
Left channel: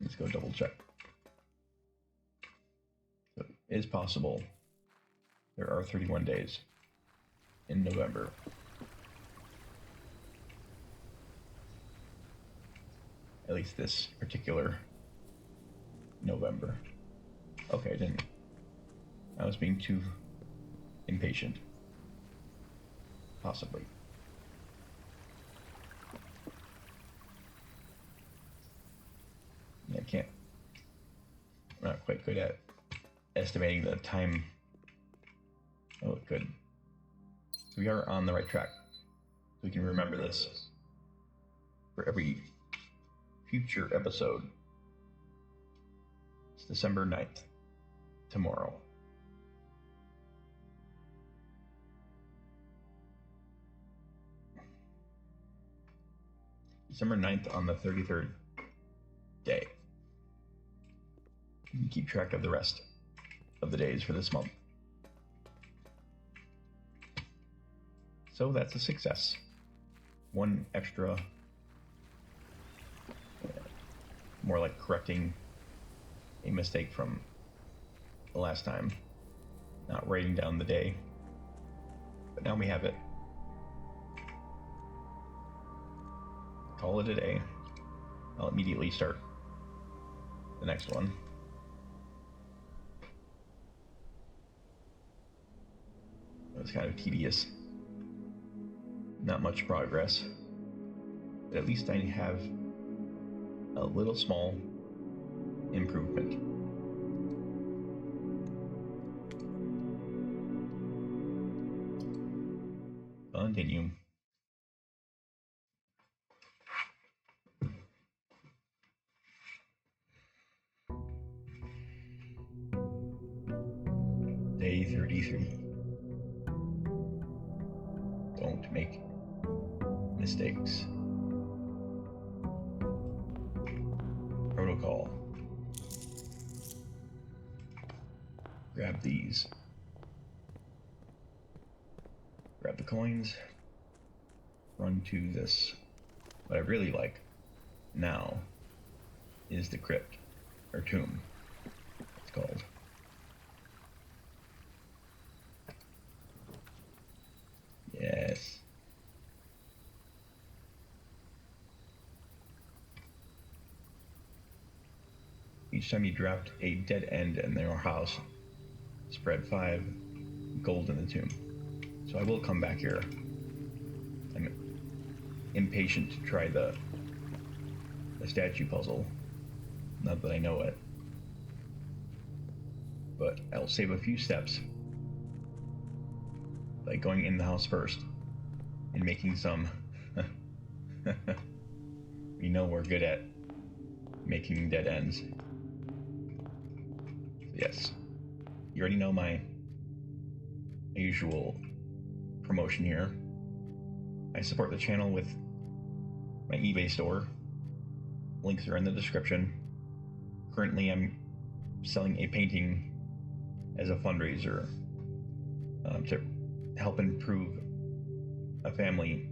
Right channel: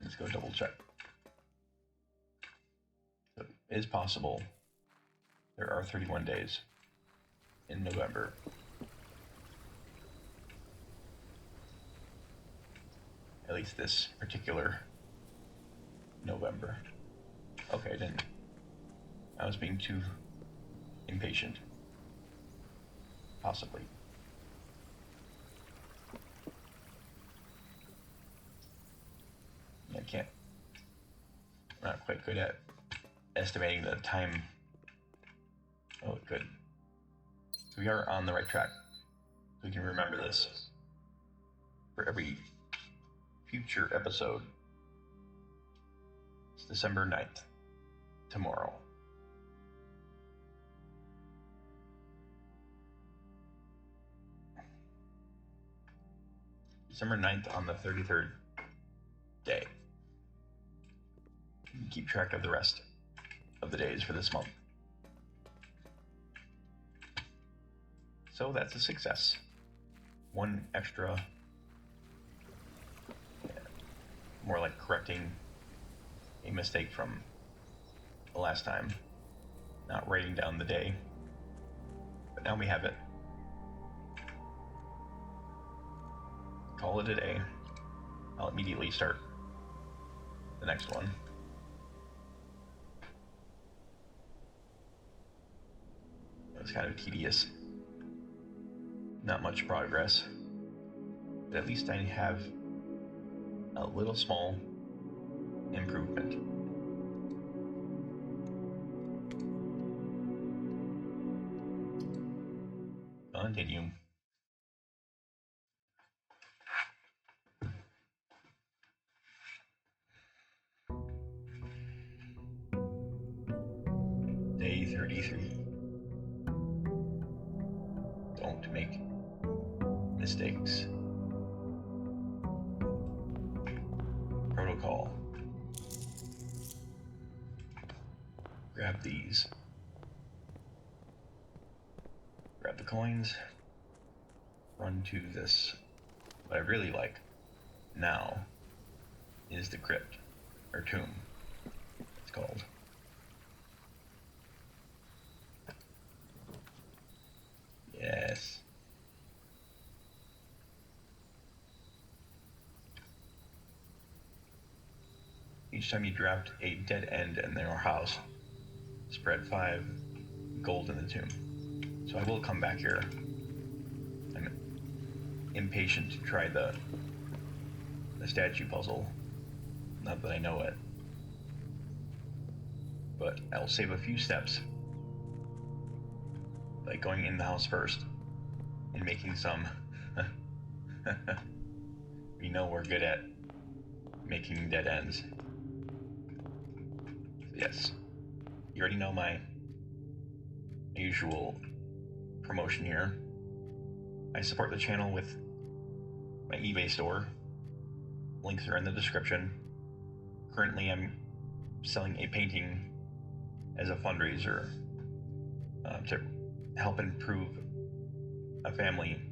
Let's go double check. So it is possible there are 31 days in November. At least this particular November. Okay, I didn't. I was being too impatient. Possibly. I can't. I'm not quite good at estimating the time. Oh, good. We are on the right track. We can remember this for every future episode. It's December 9th, tomorrow. December 9th on the 33rd day. You can keep track of the rest of the days for this month. So that's a success. One extra, more like correcting a mistake from the last time, not writing down the day. But now we have it. Call it a day. I'll immediately start the next one. It was kind of tedious. Not much progress. But at least I have a little small improvement. Continue. Day 33. Don't make mistakes. Protocol. grab these. Grab the coins. Run to this. What I really like now is the crypt, or tomb, it's called. Yes. Each time you dropped a dead end in their house, spread 5 gold in the tomb. So I will come back here. I'm impatient to try the statue puzzle, not that I know it. But I'll save a few steps, like going in the house first and making some. We know we're good at making dead ends. Yes, you already know my usual promotion here. I support the channel with my eBay store. Links are in the description. Currently, I'm selling a painting as a fundraiser to help improve a family,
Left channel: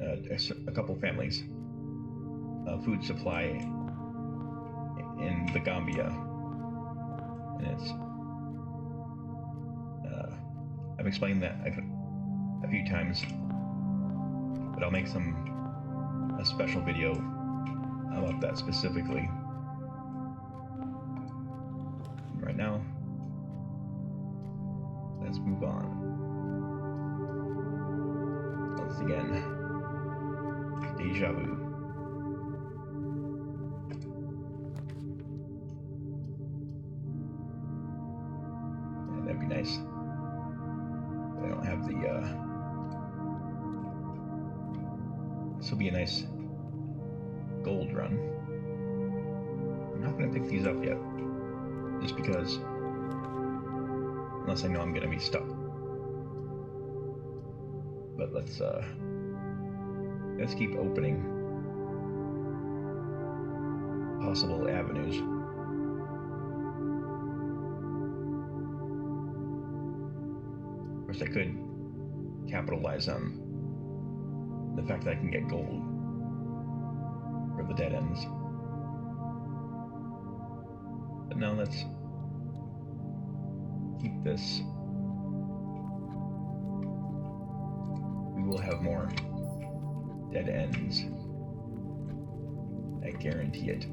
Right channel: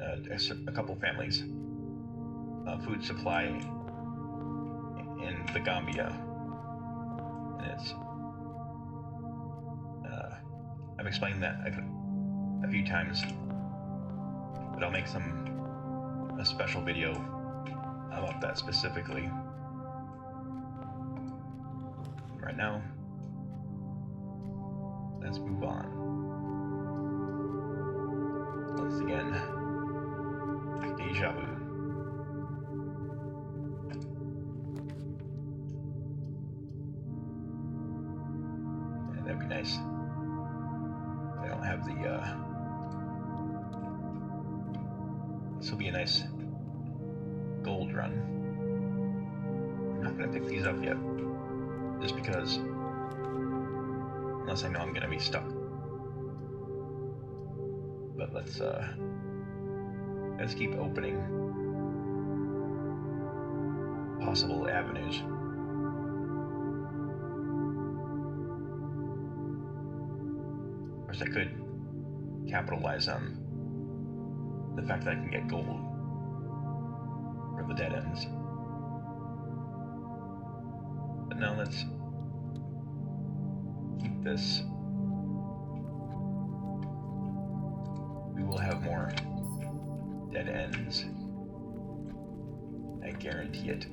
a couple families, food supply in the Gambia. And it's I've explained that a few times, but I'll make a special video about that specifically. Right now, let's move on. Once again, deja vu. Yeah, that'd be nice. I don't have the, this will be a nice gold run. I'm not going to pick these up yet, just because, unless I know I'm going to be stuck. But let's keep opening possible avenues. Of course, I could capitalize on the fact that I can get gold for the dead ends. But now let's keep this. We will have more dead ends. I guarantee it.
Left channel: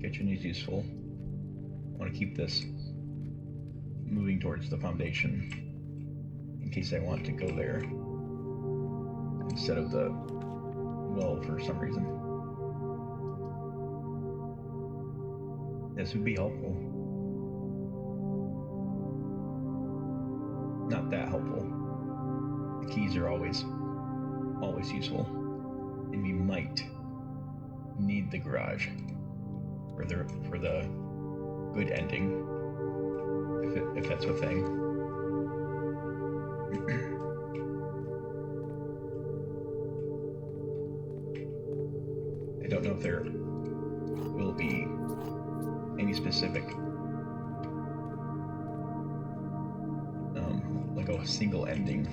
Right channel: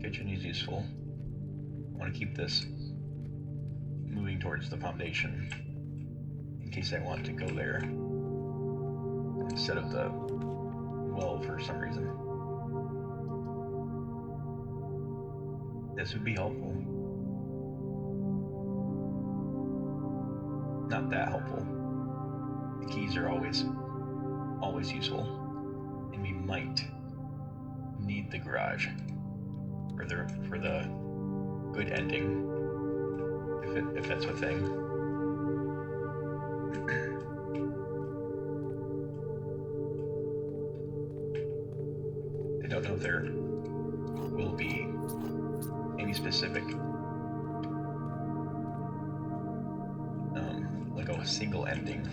Kitchen is useful. I want to keep this moving towards the foundation in case I want to go there instead of the well for some reason. This would be helpful. Not that helpful. The keys are always useful, and we might need the garage for the good ending, if that's a thing. I don't know if there will be any specific, like a single ending,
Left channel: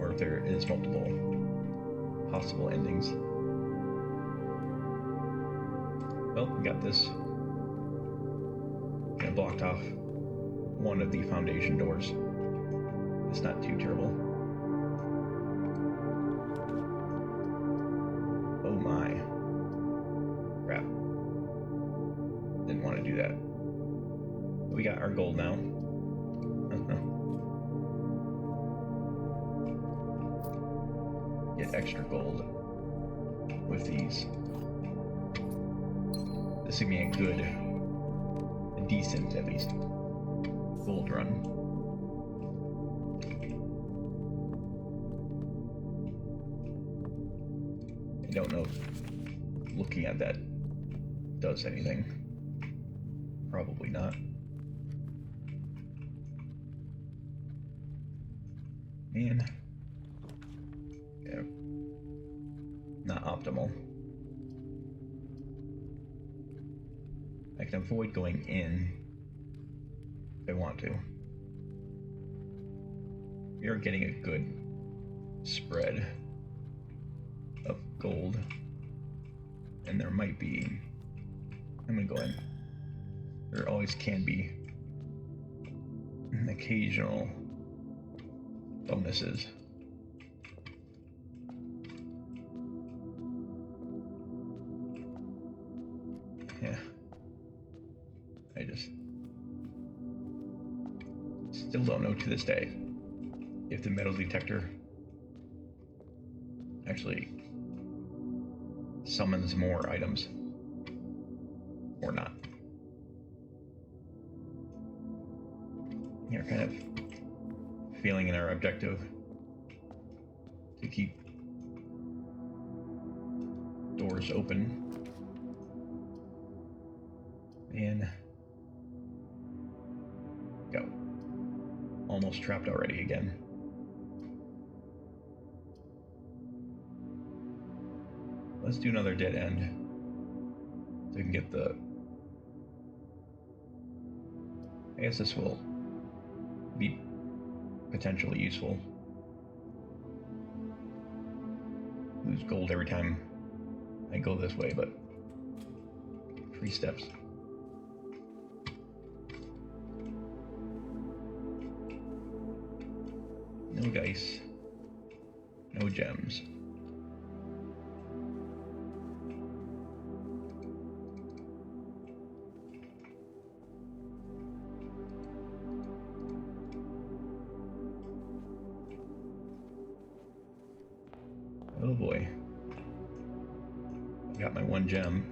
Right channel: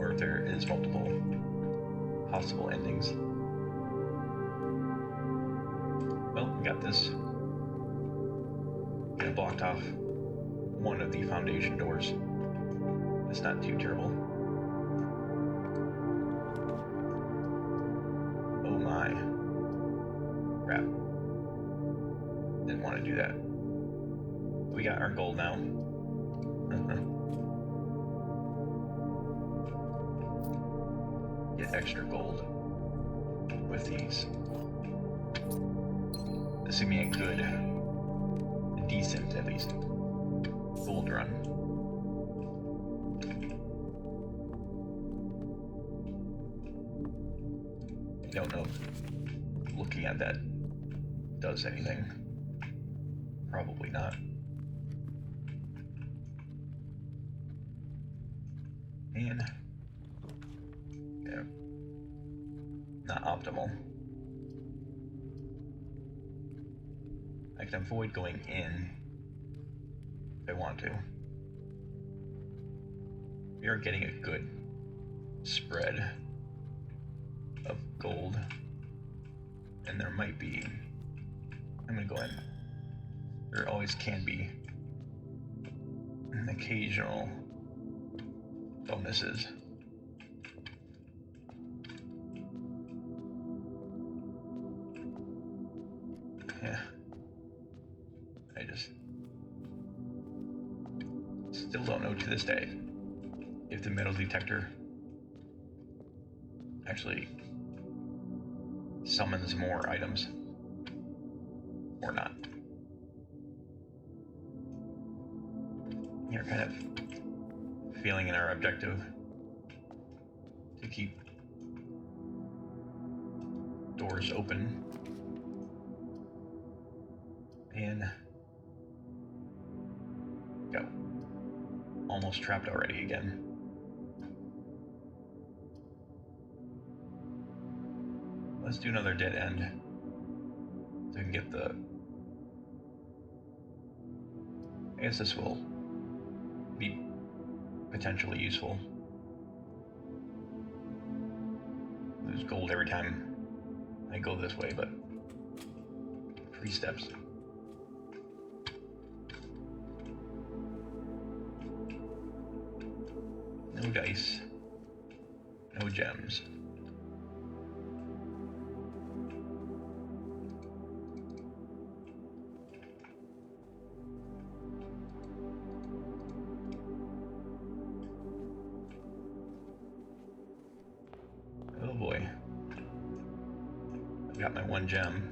or if there is multiple possible endings. Well, we got this. I blocked off one of the foundation doors. It's not too terrible. Oh my. Crap. Didn't want to do that. We got our gold now. Get extra gold with these. This would be a good, decent at least, gold run. I don't know if looking at that does anything. Probably not. Man. Yeah. Not optimal. I can avoid going in if I want to. We are getting a good spread of gold. And there might be... I'm gonna go in. There always can be occasional bonuses. Yeah. I just still don't know to this day if the metal detector actually summons more items or not. You're kind of failing in our objective to keep doors open. And go. Almost trapped already again. Let's do another dead end so we can get the... I guess this will be potentially useful. Lose gold every time I go this way, but 3 steps. No dice. No gems. Oh boy. I got my 1 gem.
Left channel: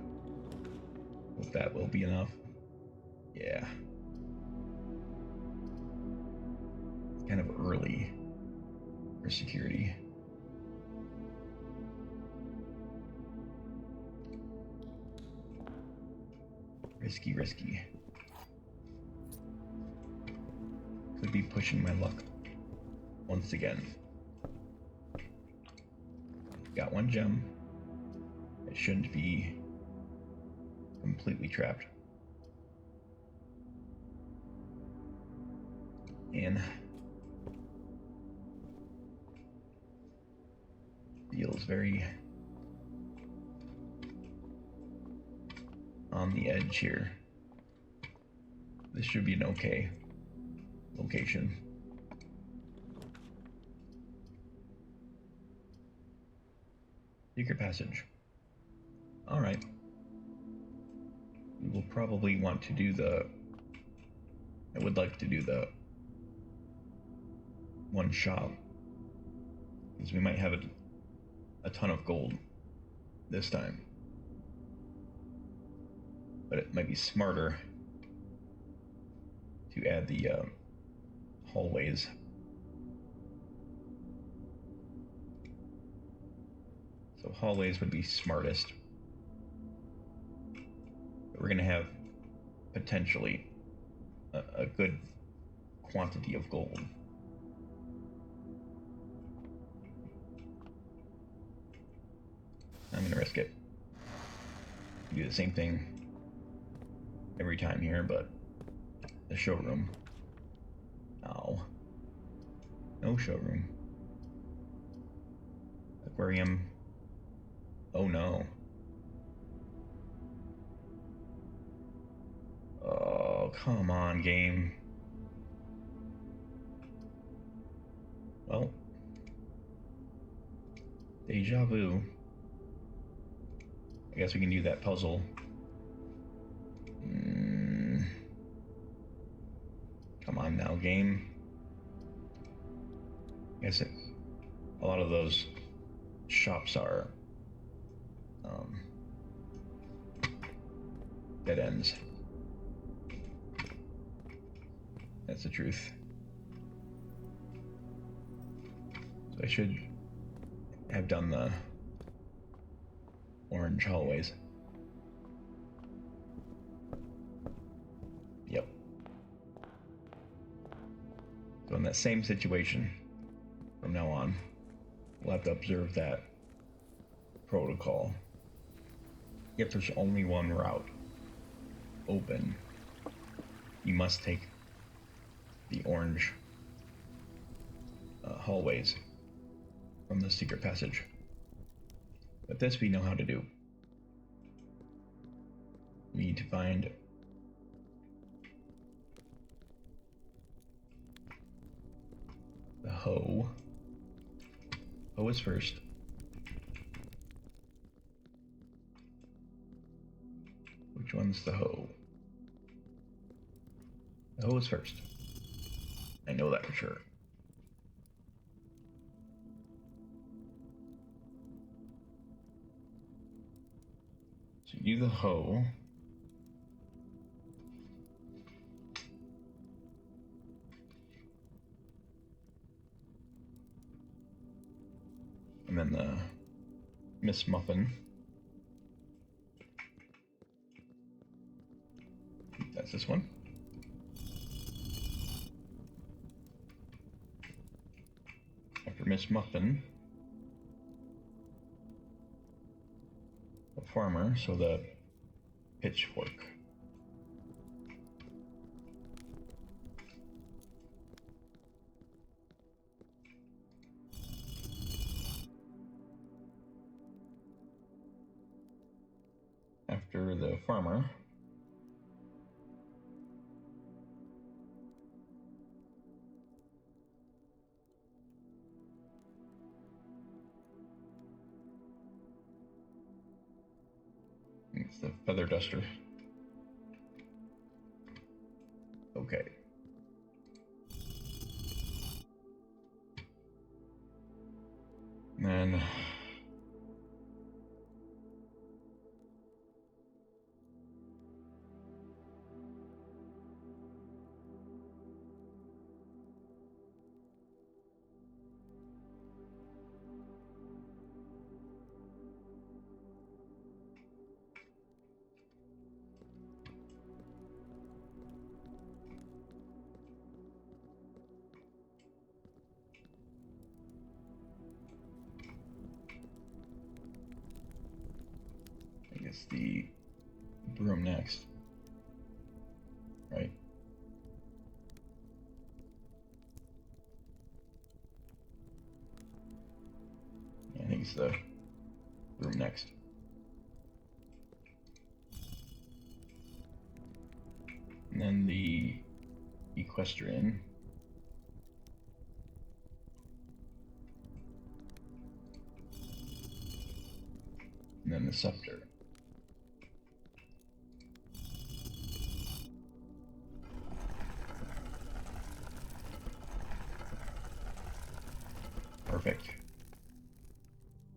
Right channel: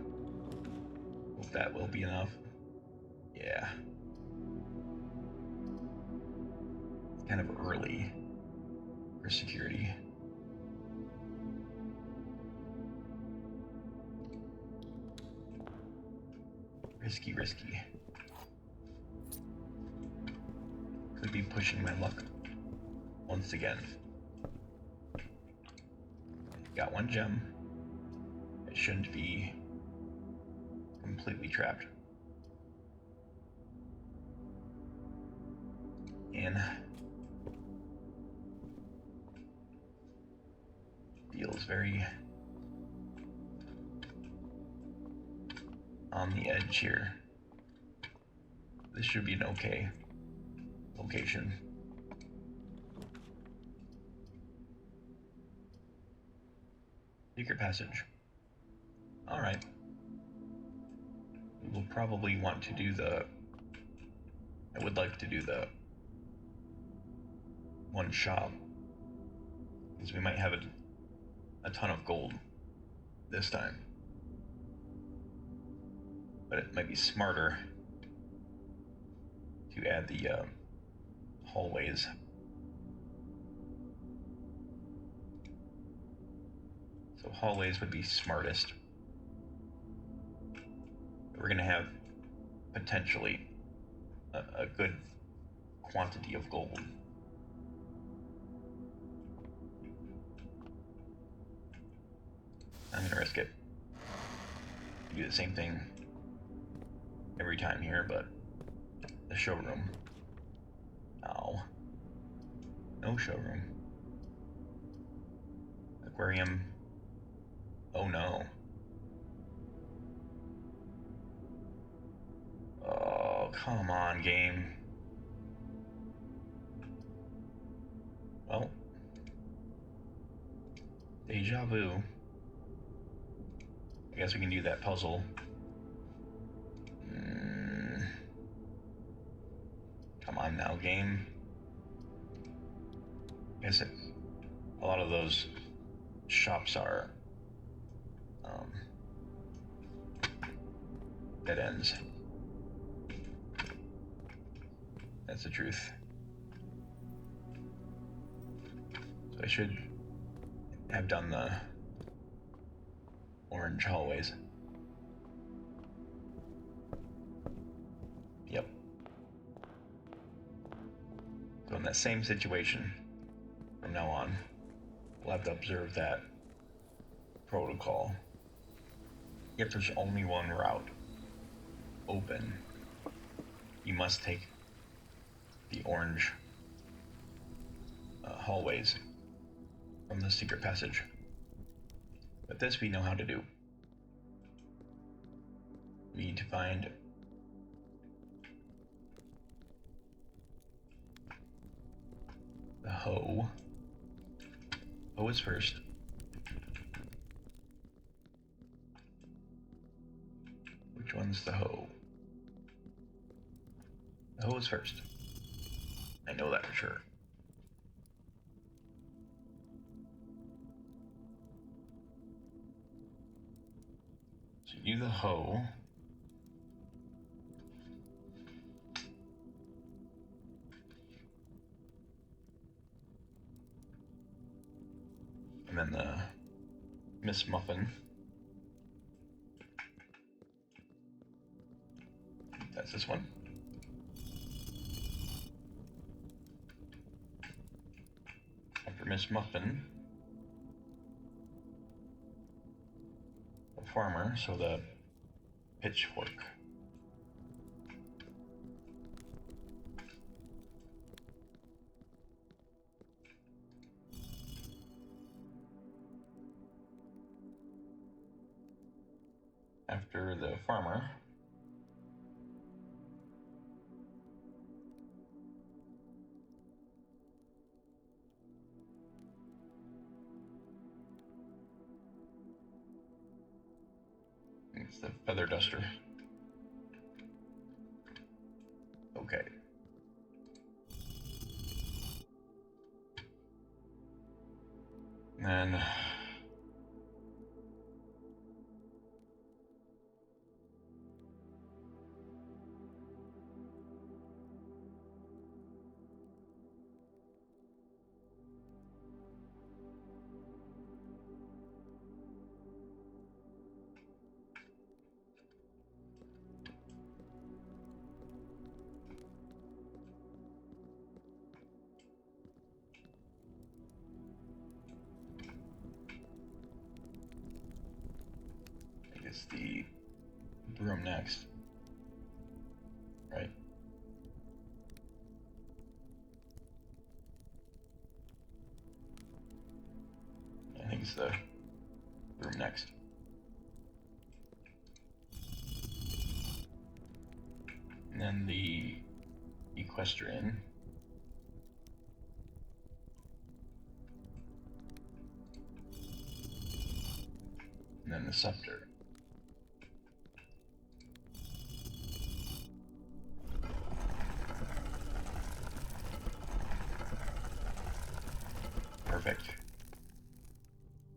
Hope that will be enough. Yeah. Kind of early for security. Risky. Could be pushing my luck once again. Got 1 gem. I shouldn't be completely trapped. And feels very on the edge here. This should be an okay location. Secret passage. Alright. We will probably want to do the... I would like to do the 1 shop, because we might have a ton of gold this time. But it might be smarter to add the hallways. So hallways would be smartest. But we're going to have potentially a good quantity of gold. I'm going to risk it. Do the same thing every time here, but the showroom. Ow. No showroom. Aquarium. Oh no. Oh, come on, game. Well, deja vu. I guess we can do that puzzle. Come on now, game. I guess a lot of those shops are dead ends. That's the truth. So I should have done the orange hallways. Yep. So in that same situation, from now on. We'll have to observe that protocol. If there's only one route open, you must take the orange hallways from the secret passage. But this we know how to do. We need to find the hoe. Hoe is first. Which one's the hoe? The hoe is first. I know that for sure. So you do the hoe. And then the Miss Muffin. That's this one. After Miss Muffin, the farmer, so the pitchfork. After the farmer, it's the feather duster. Okay. And then I guess the broom next, right? I think it's the broom next. And then the equestrian. And then the scepter. Perfect.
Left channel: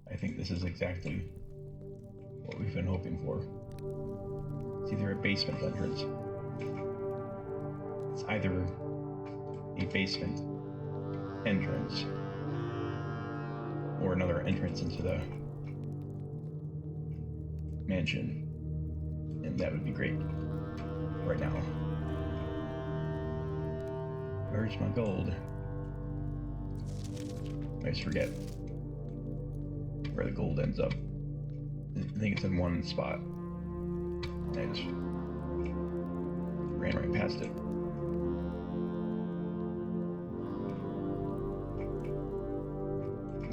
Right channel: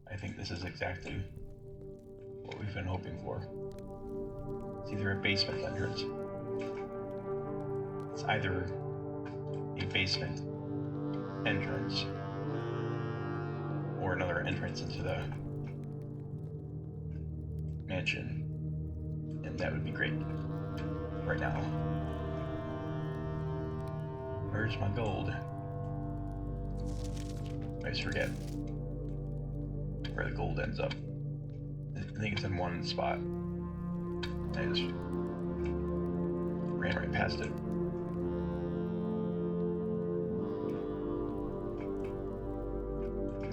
I think this is exactly what we've been hoping for. It's either a basement entrance. It's either a basement entrance or another entrance into the mansion. And that would be great right now. Where's my gold? I always forget where the gold ends up. I think it's in one spot. I just ran right past it.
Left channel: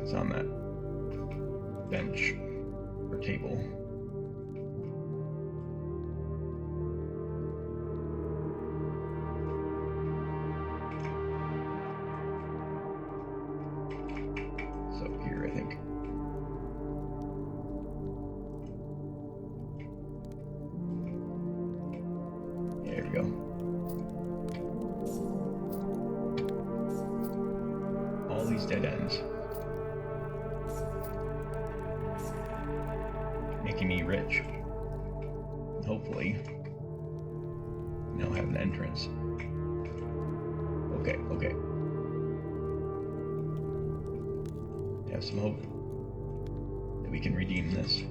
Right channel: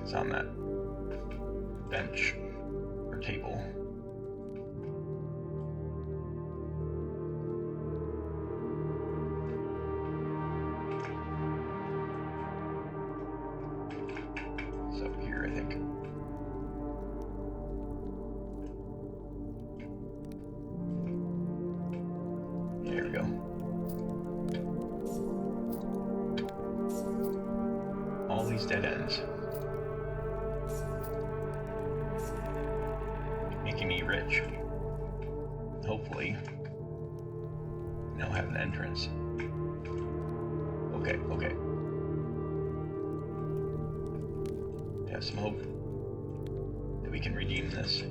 It's on that bench or table. It's up here, I think. There we go. All these dead ends. Making me rich. Hopefully, now have an entrance. Okay, okay. Have some hope that we can redeem this.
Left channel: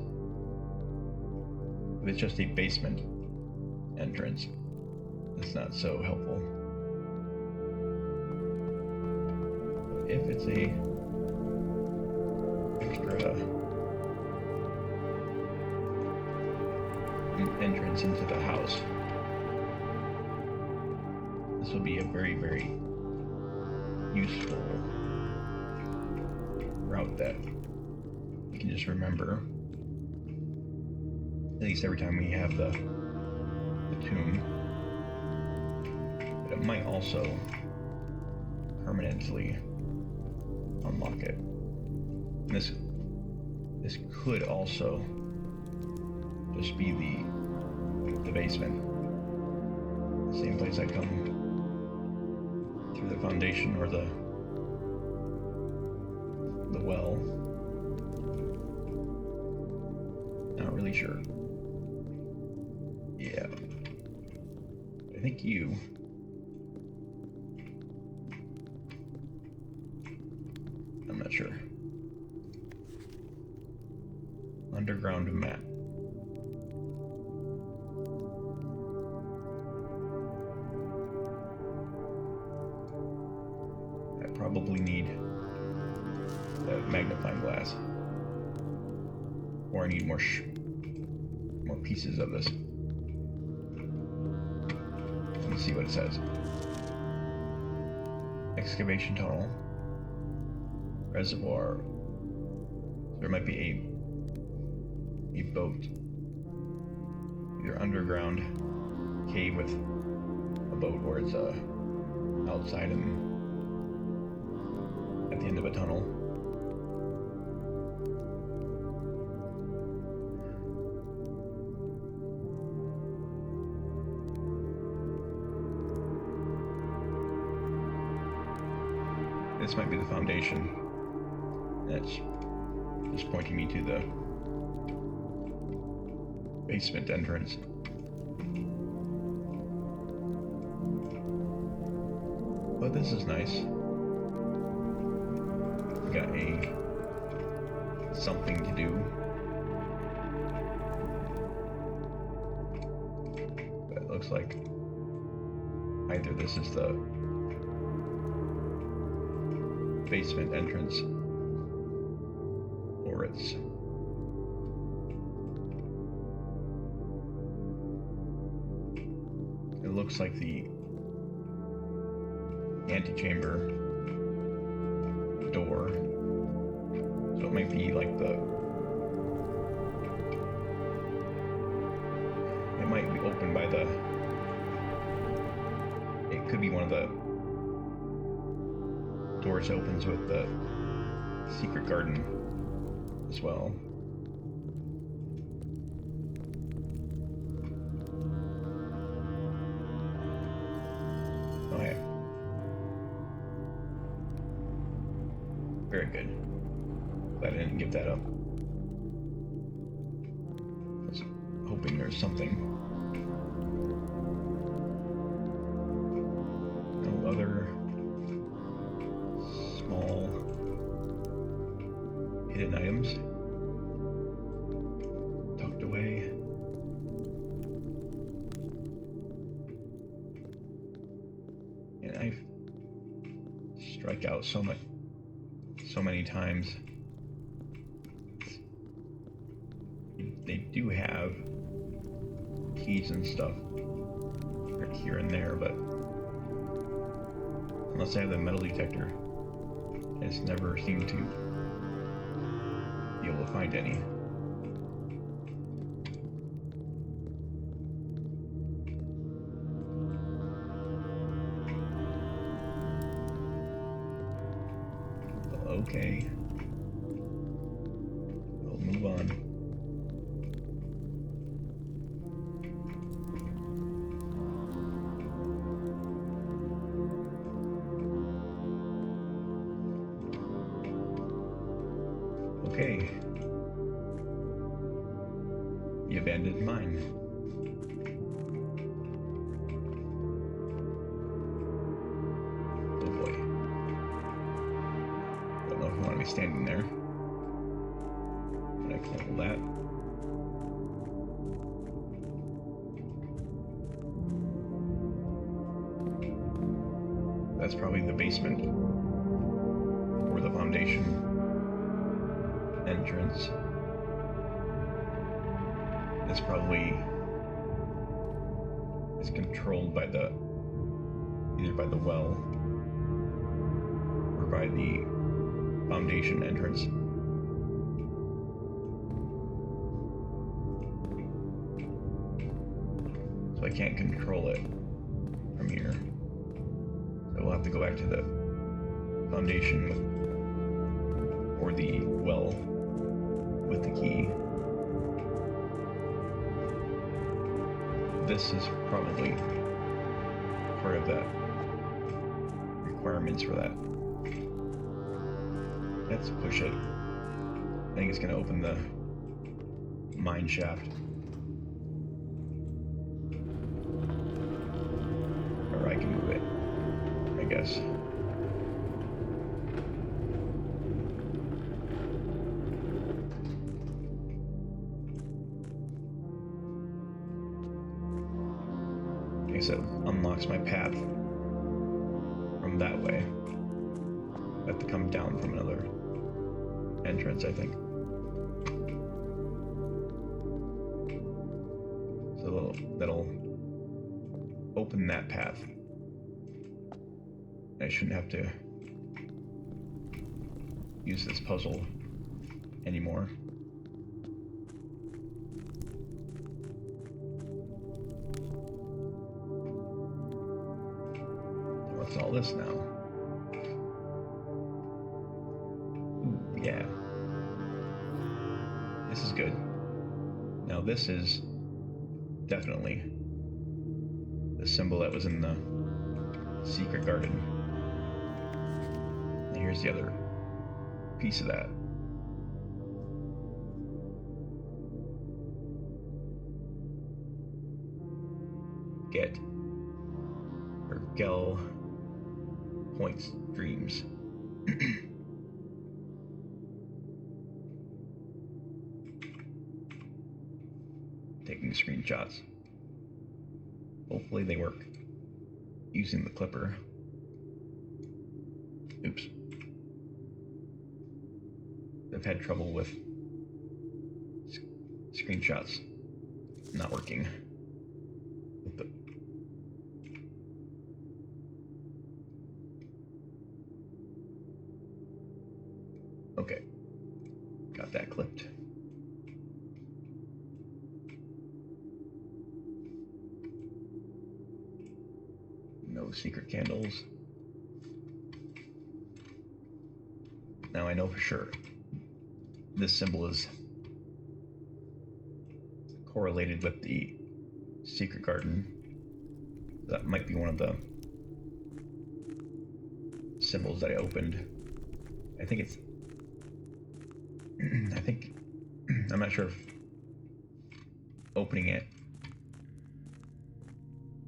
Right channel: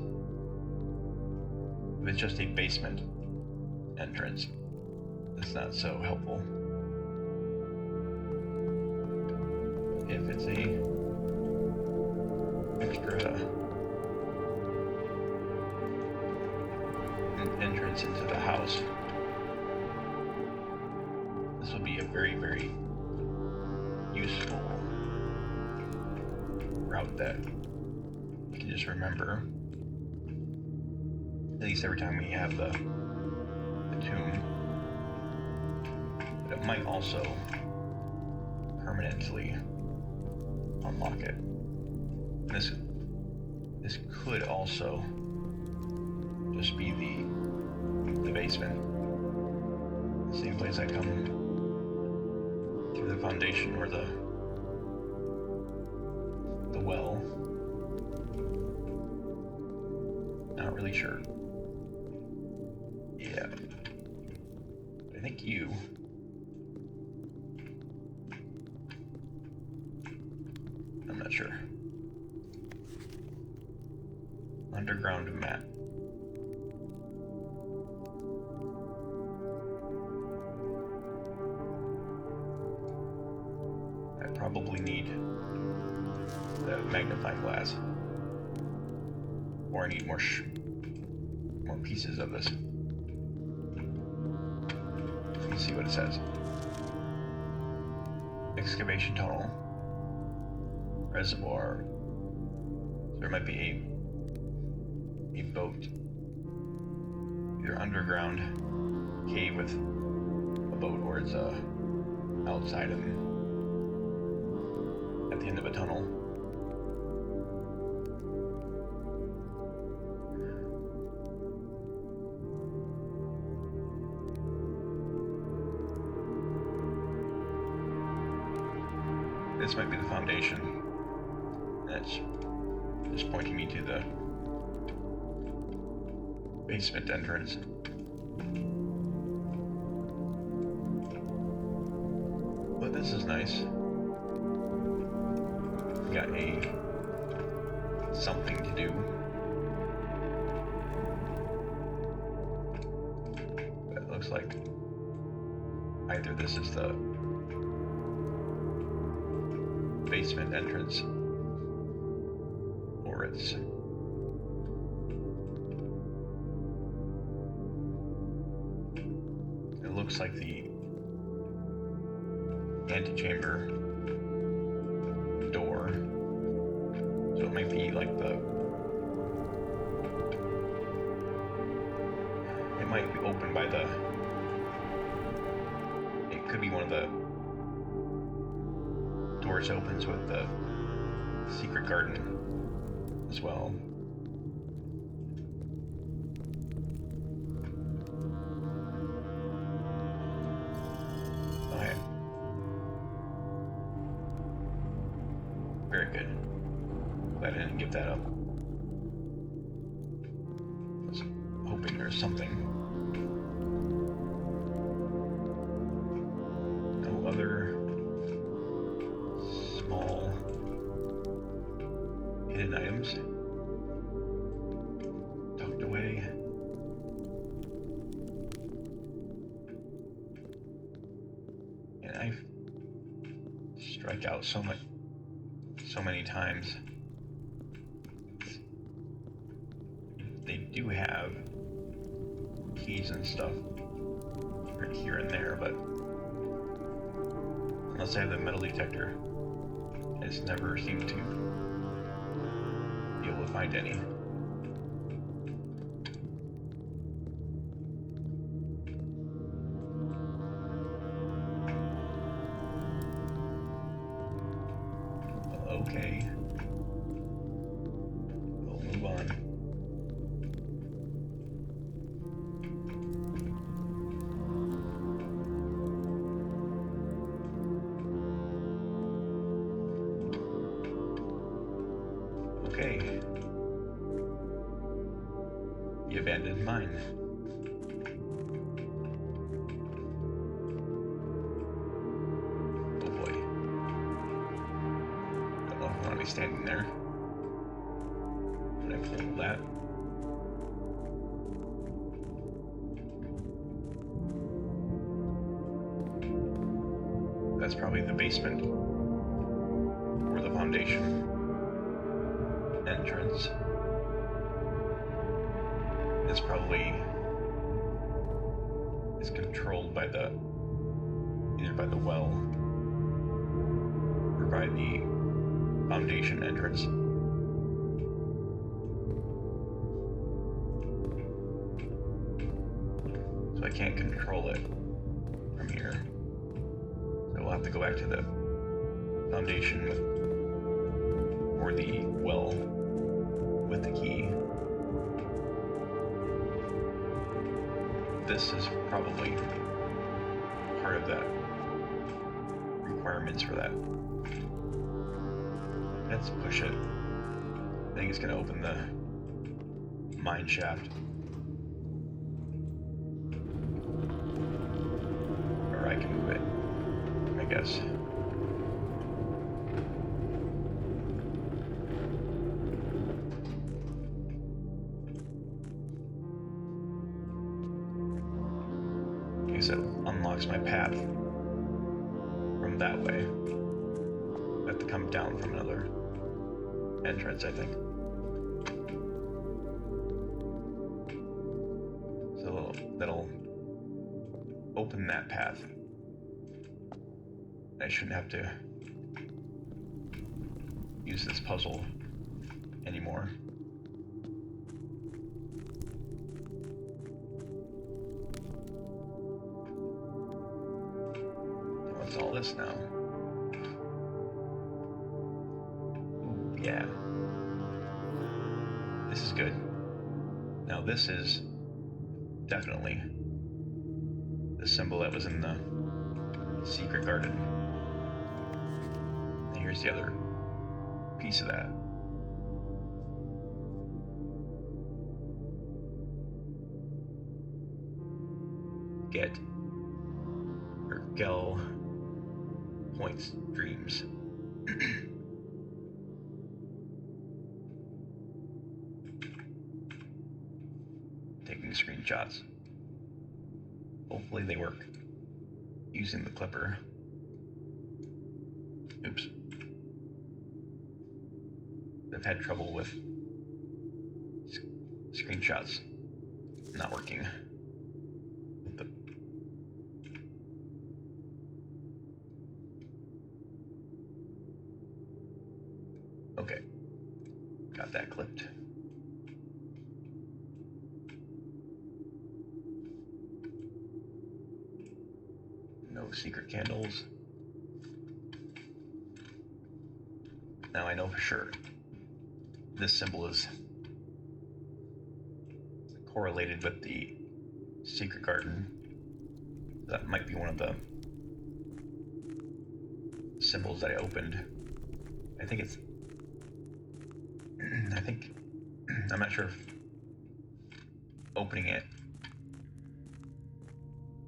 If it's just a basement entrance, it's not so helpful. If it's a also be a very, very useful route that you can just remember. At least every time we have the tomb. But it might also permanently unlock it. This could also just be the basement. Same place I come through the foundation or the well. Not really sure. Yeah. I think you. I'm not sure. Underground map. I probably need the magnifying glass. Or I need more pieces of this. Let me see what it says. Excavation tunnel. Reservoir. There might be a boat. Either underground cave with a boat, or it's outside and at the end of a tunnel. This might be the foundation. That's just pointing me to the basement entrance. But this is nice. Got something to do. But it looks like either this is the basement entrance, or it's it looks like the antechamber door, so it might be like it might be opened by it could be one of the doors opens with the secret garden as well. Okay. Very good. Glad I didn't give that up. I was hoping there's something. No other small hidden items tucked away. And I strike out so many times. They do have keys and stuff right here and there, but unless I have the metal detector, I just never seem to be able to find any. Okay. We'll move on. Okay. The abandoned mine. Oh boy. Don't know if I want to be standing there. But I can handle that. That's probably the basement or the foundation entrance. It's probably controlled by the either by the well or by the foundation entrance. So I can't control it from here. So we'll have to go back to the foundation or the well with the key. This is probably part of that requirements for that. Let's push it. I think it's gonna open the mine shaft. Or I can move it, I guess. Okay, so it unlocks my path from that way. I have to come down from another entrance, I think. So that'll open that path. I shouldn't have to use this puzzle anymore. What's all this now? Ooh, yeah. This is good. Now this is definitely the symbol that was in the secret garden. And here's the other piece of that. Get or Gel points dreams. Taking screenshots. Hopefully they work. Using the clipper. Oops. I've had trouble with screenshots not working. With the okay. Got that clipped. No secret candles. Now I know for sure this symbol is correlated with the secret garden. That might be one of the symbols that I opened. I think it's I'm not sure if opening it.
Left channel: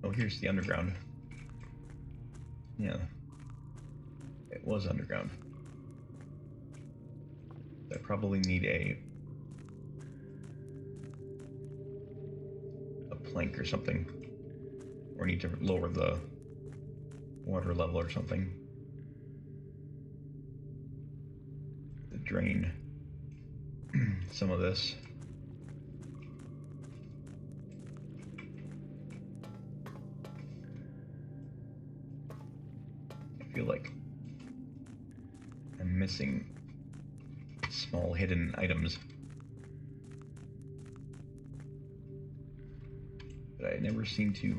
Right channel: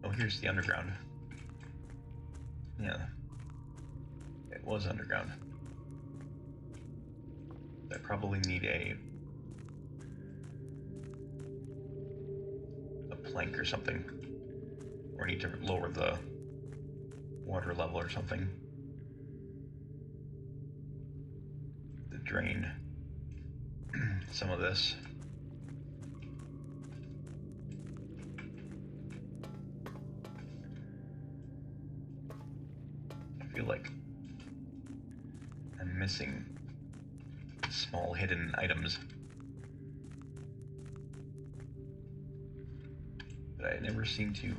Oh, here's the underground. Yeah, it was underground. I probably need a plank or something, or need to lower the water level or something. To drain some of this. I feel like I'm missing small hidden items, but I never seem to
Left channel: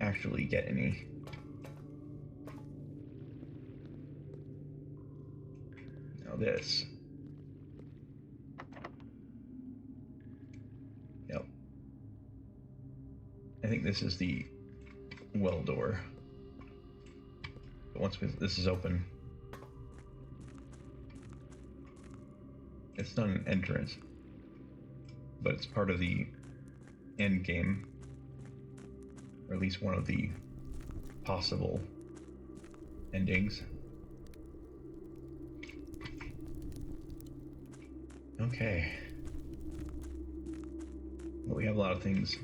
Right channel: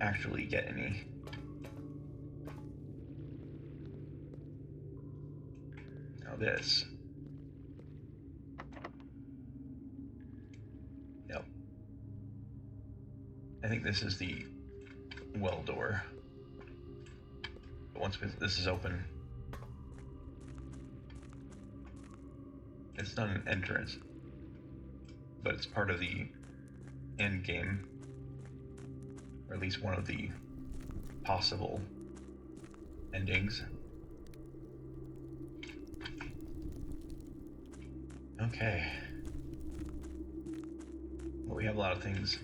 actually get any. Now this. Yep. I think this is the well door. But once this is open, it's not an entrance, but it's part of the end game, or at least one of the possible endings. Okay. Well, we have a lot of things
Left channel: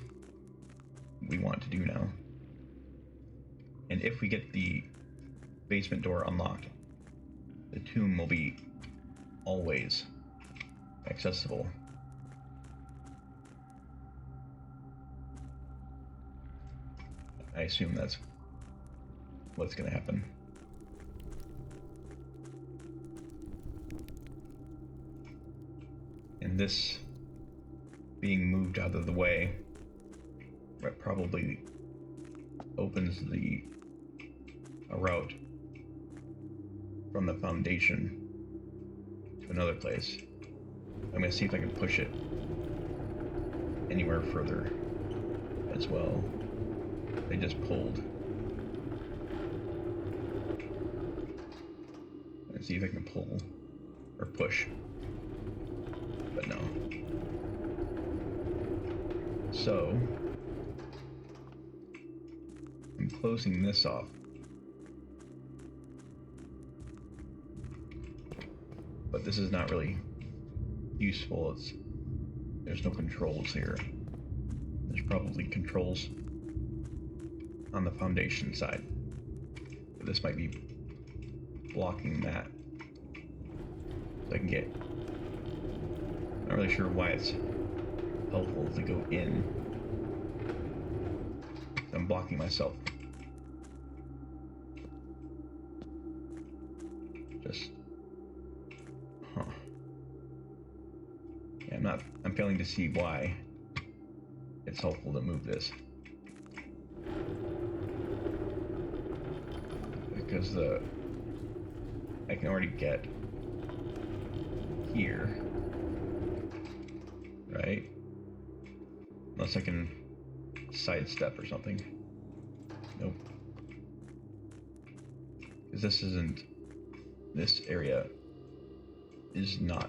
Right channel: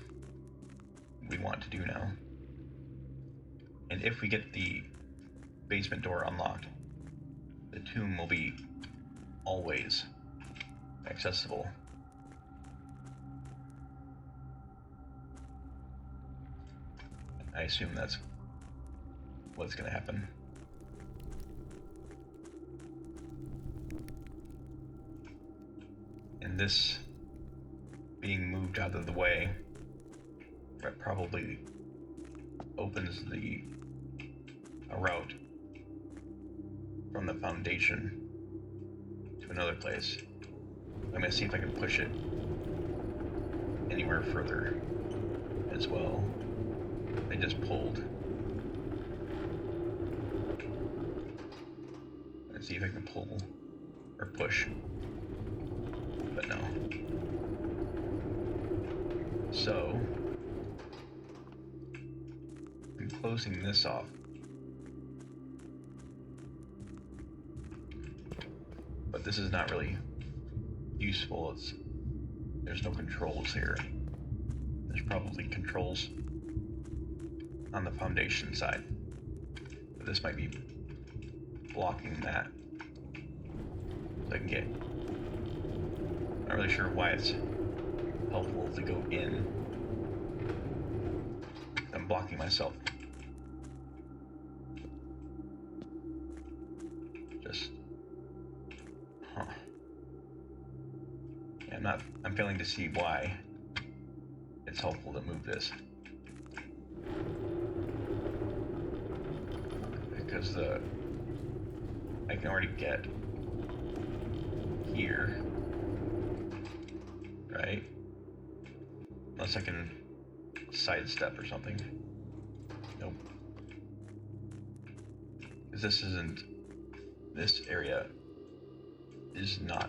we want to do now. And if we get the basement door unlocked, the tomb will be always accessible. I assume that's what's going to happen. And this being moved out of the way, that probably opens a route from the foundation to another place. I'm going to see if I can push it anywhere further as well. They just pulled. Let's see if I can pull or push. But no. So I'm closing this off. But this is not really useful. There's no controls here. There's probably controls on the foundation side. But this might be blocking that. So I can get. Not really sure why it's helpful to go in. I'm blocking myself. Just. Huh. Yeah, I'm failing to see why it's helpful to move this. Because I can already get here, right? Unless I can sidestep or something. Nope. Because this area is not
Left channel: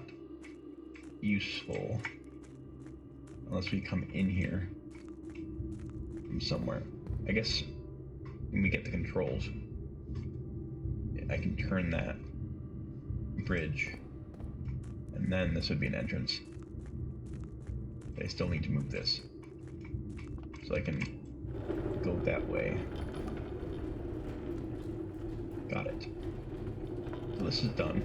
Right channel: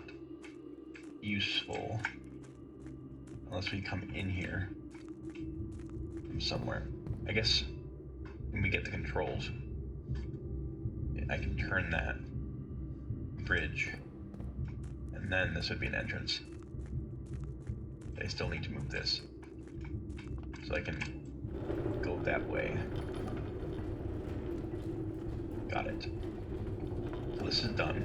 useful unless we come in here from somewhere. I guess when we get the controls, I can turn that bridge, and then this would be an entrance. I still need to move this, so I can go that way. Got it. So this is done.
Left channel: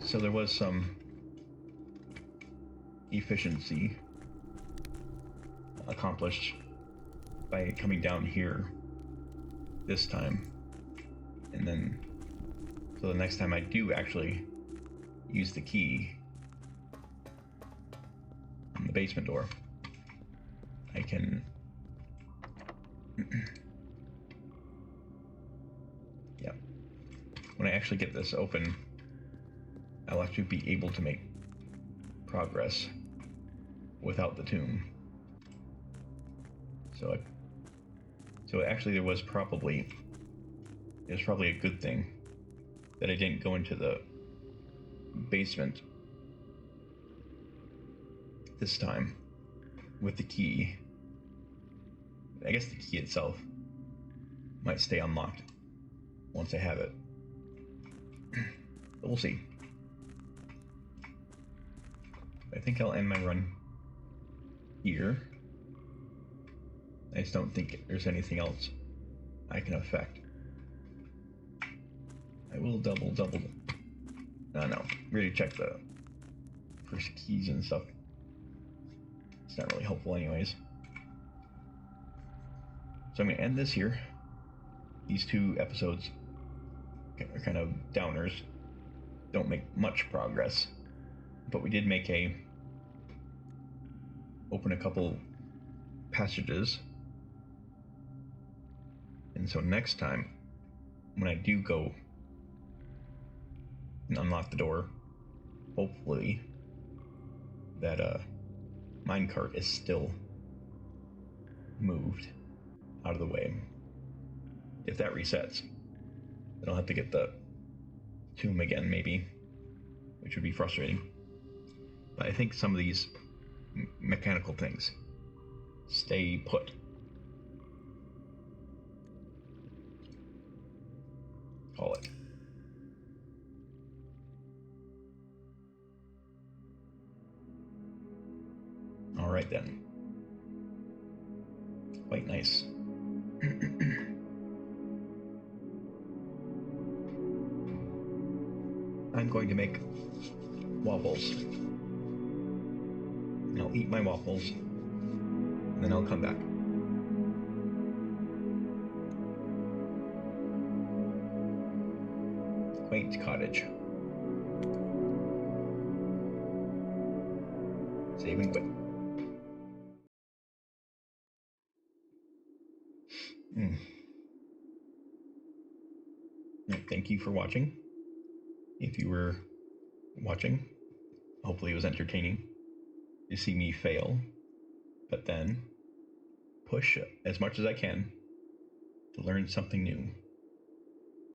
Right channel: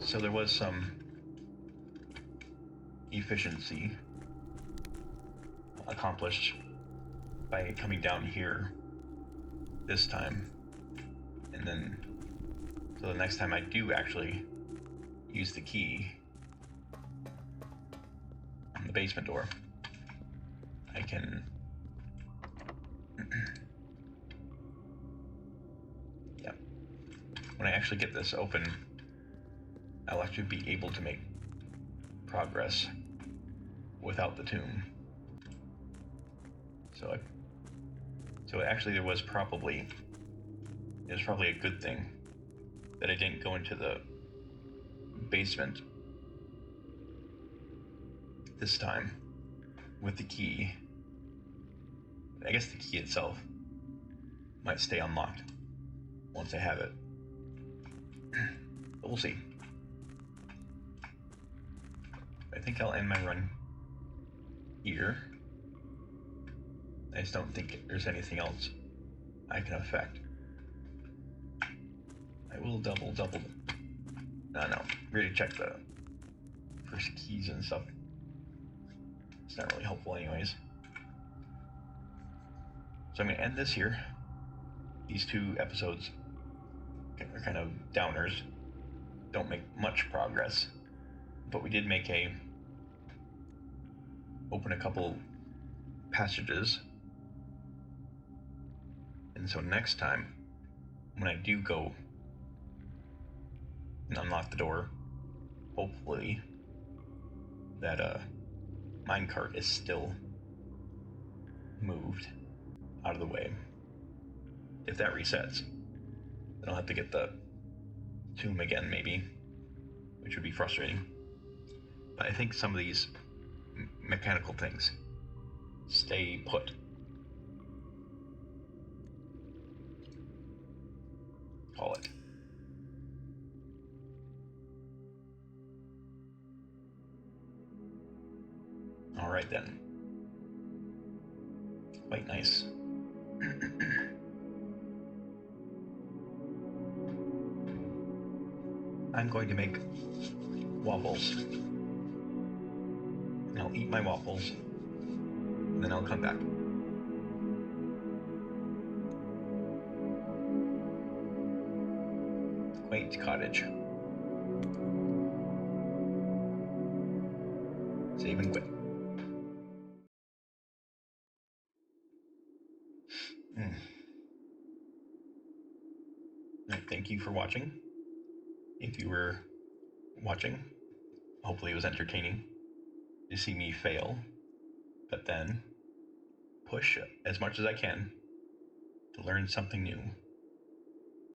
So there was some efficiency accomplished by coming down here this time, and then so the next time I do actually use the key on the basement door, I can yeah, when I actually get this open, I'll actually be able to make progress without the tomb. So actually it was probably a good thing that I didn't go into the basement this time with the key. I guess the key itself might stay unlocked once I have it. But we'll see. I think I'll end my run here. I just don't think there's anything else I can affect. I will double. No, really check the first keys and stuff. It's not really helpful anyways. So I'm gonna end this here. These 2 episodes are kind of downers. Don't make much progress. But we did make open a couple passages. And so next time, when I do go and unlock the door, hopefully that minecart is still moved out of the way. If that resets, then I'll have to get the tomb again maybe, which would be frustrating. But I think some of these mechanical things stay put. Call it. All right then. Quite nice. I'm going to make waffles. I'll eat my waffles, and then I'll come back. Quaint cottage. Save and quit. Thank you for watching. If you were watching, hopefully it was entertaining to see me fail, but then push as much as I can to learn something new.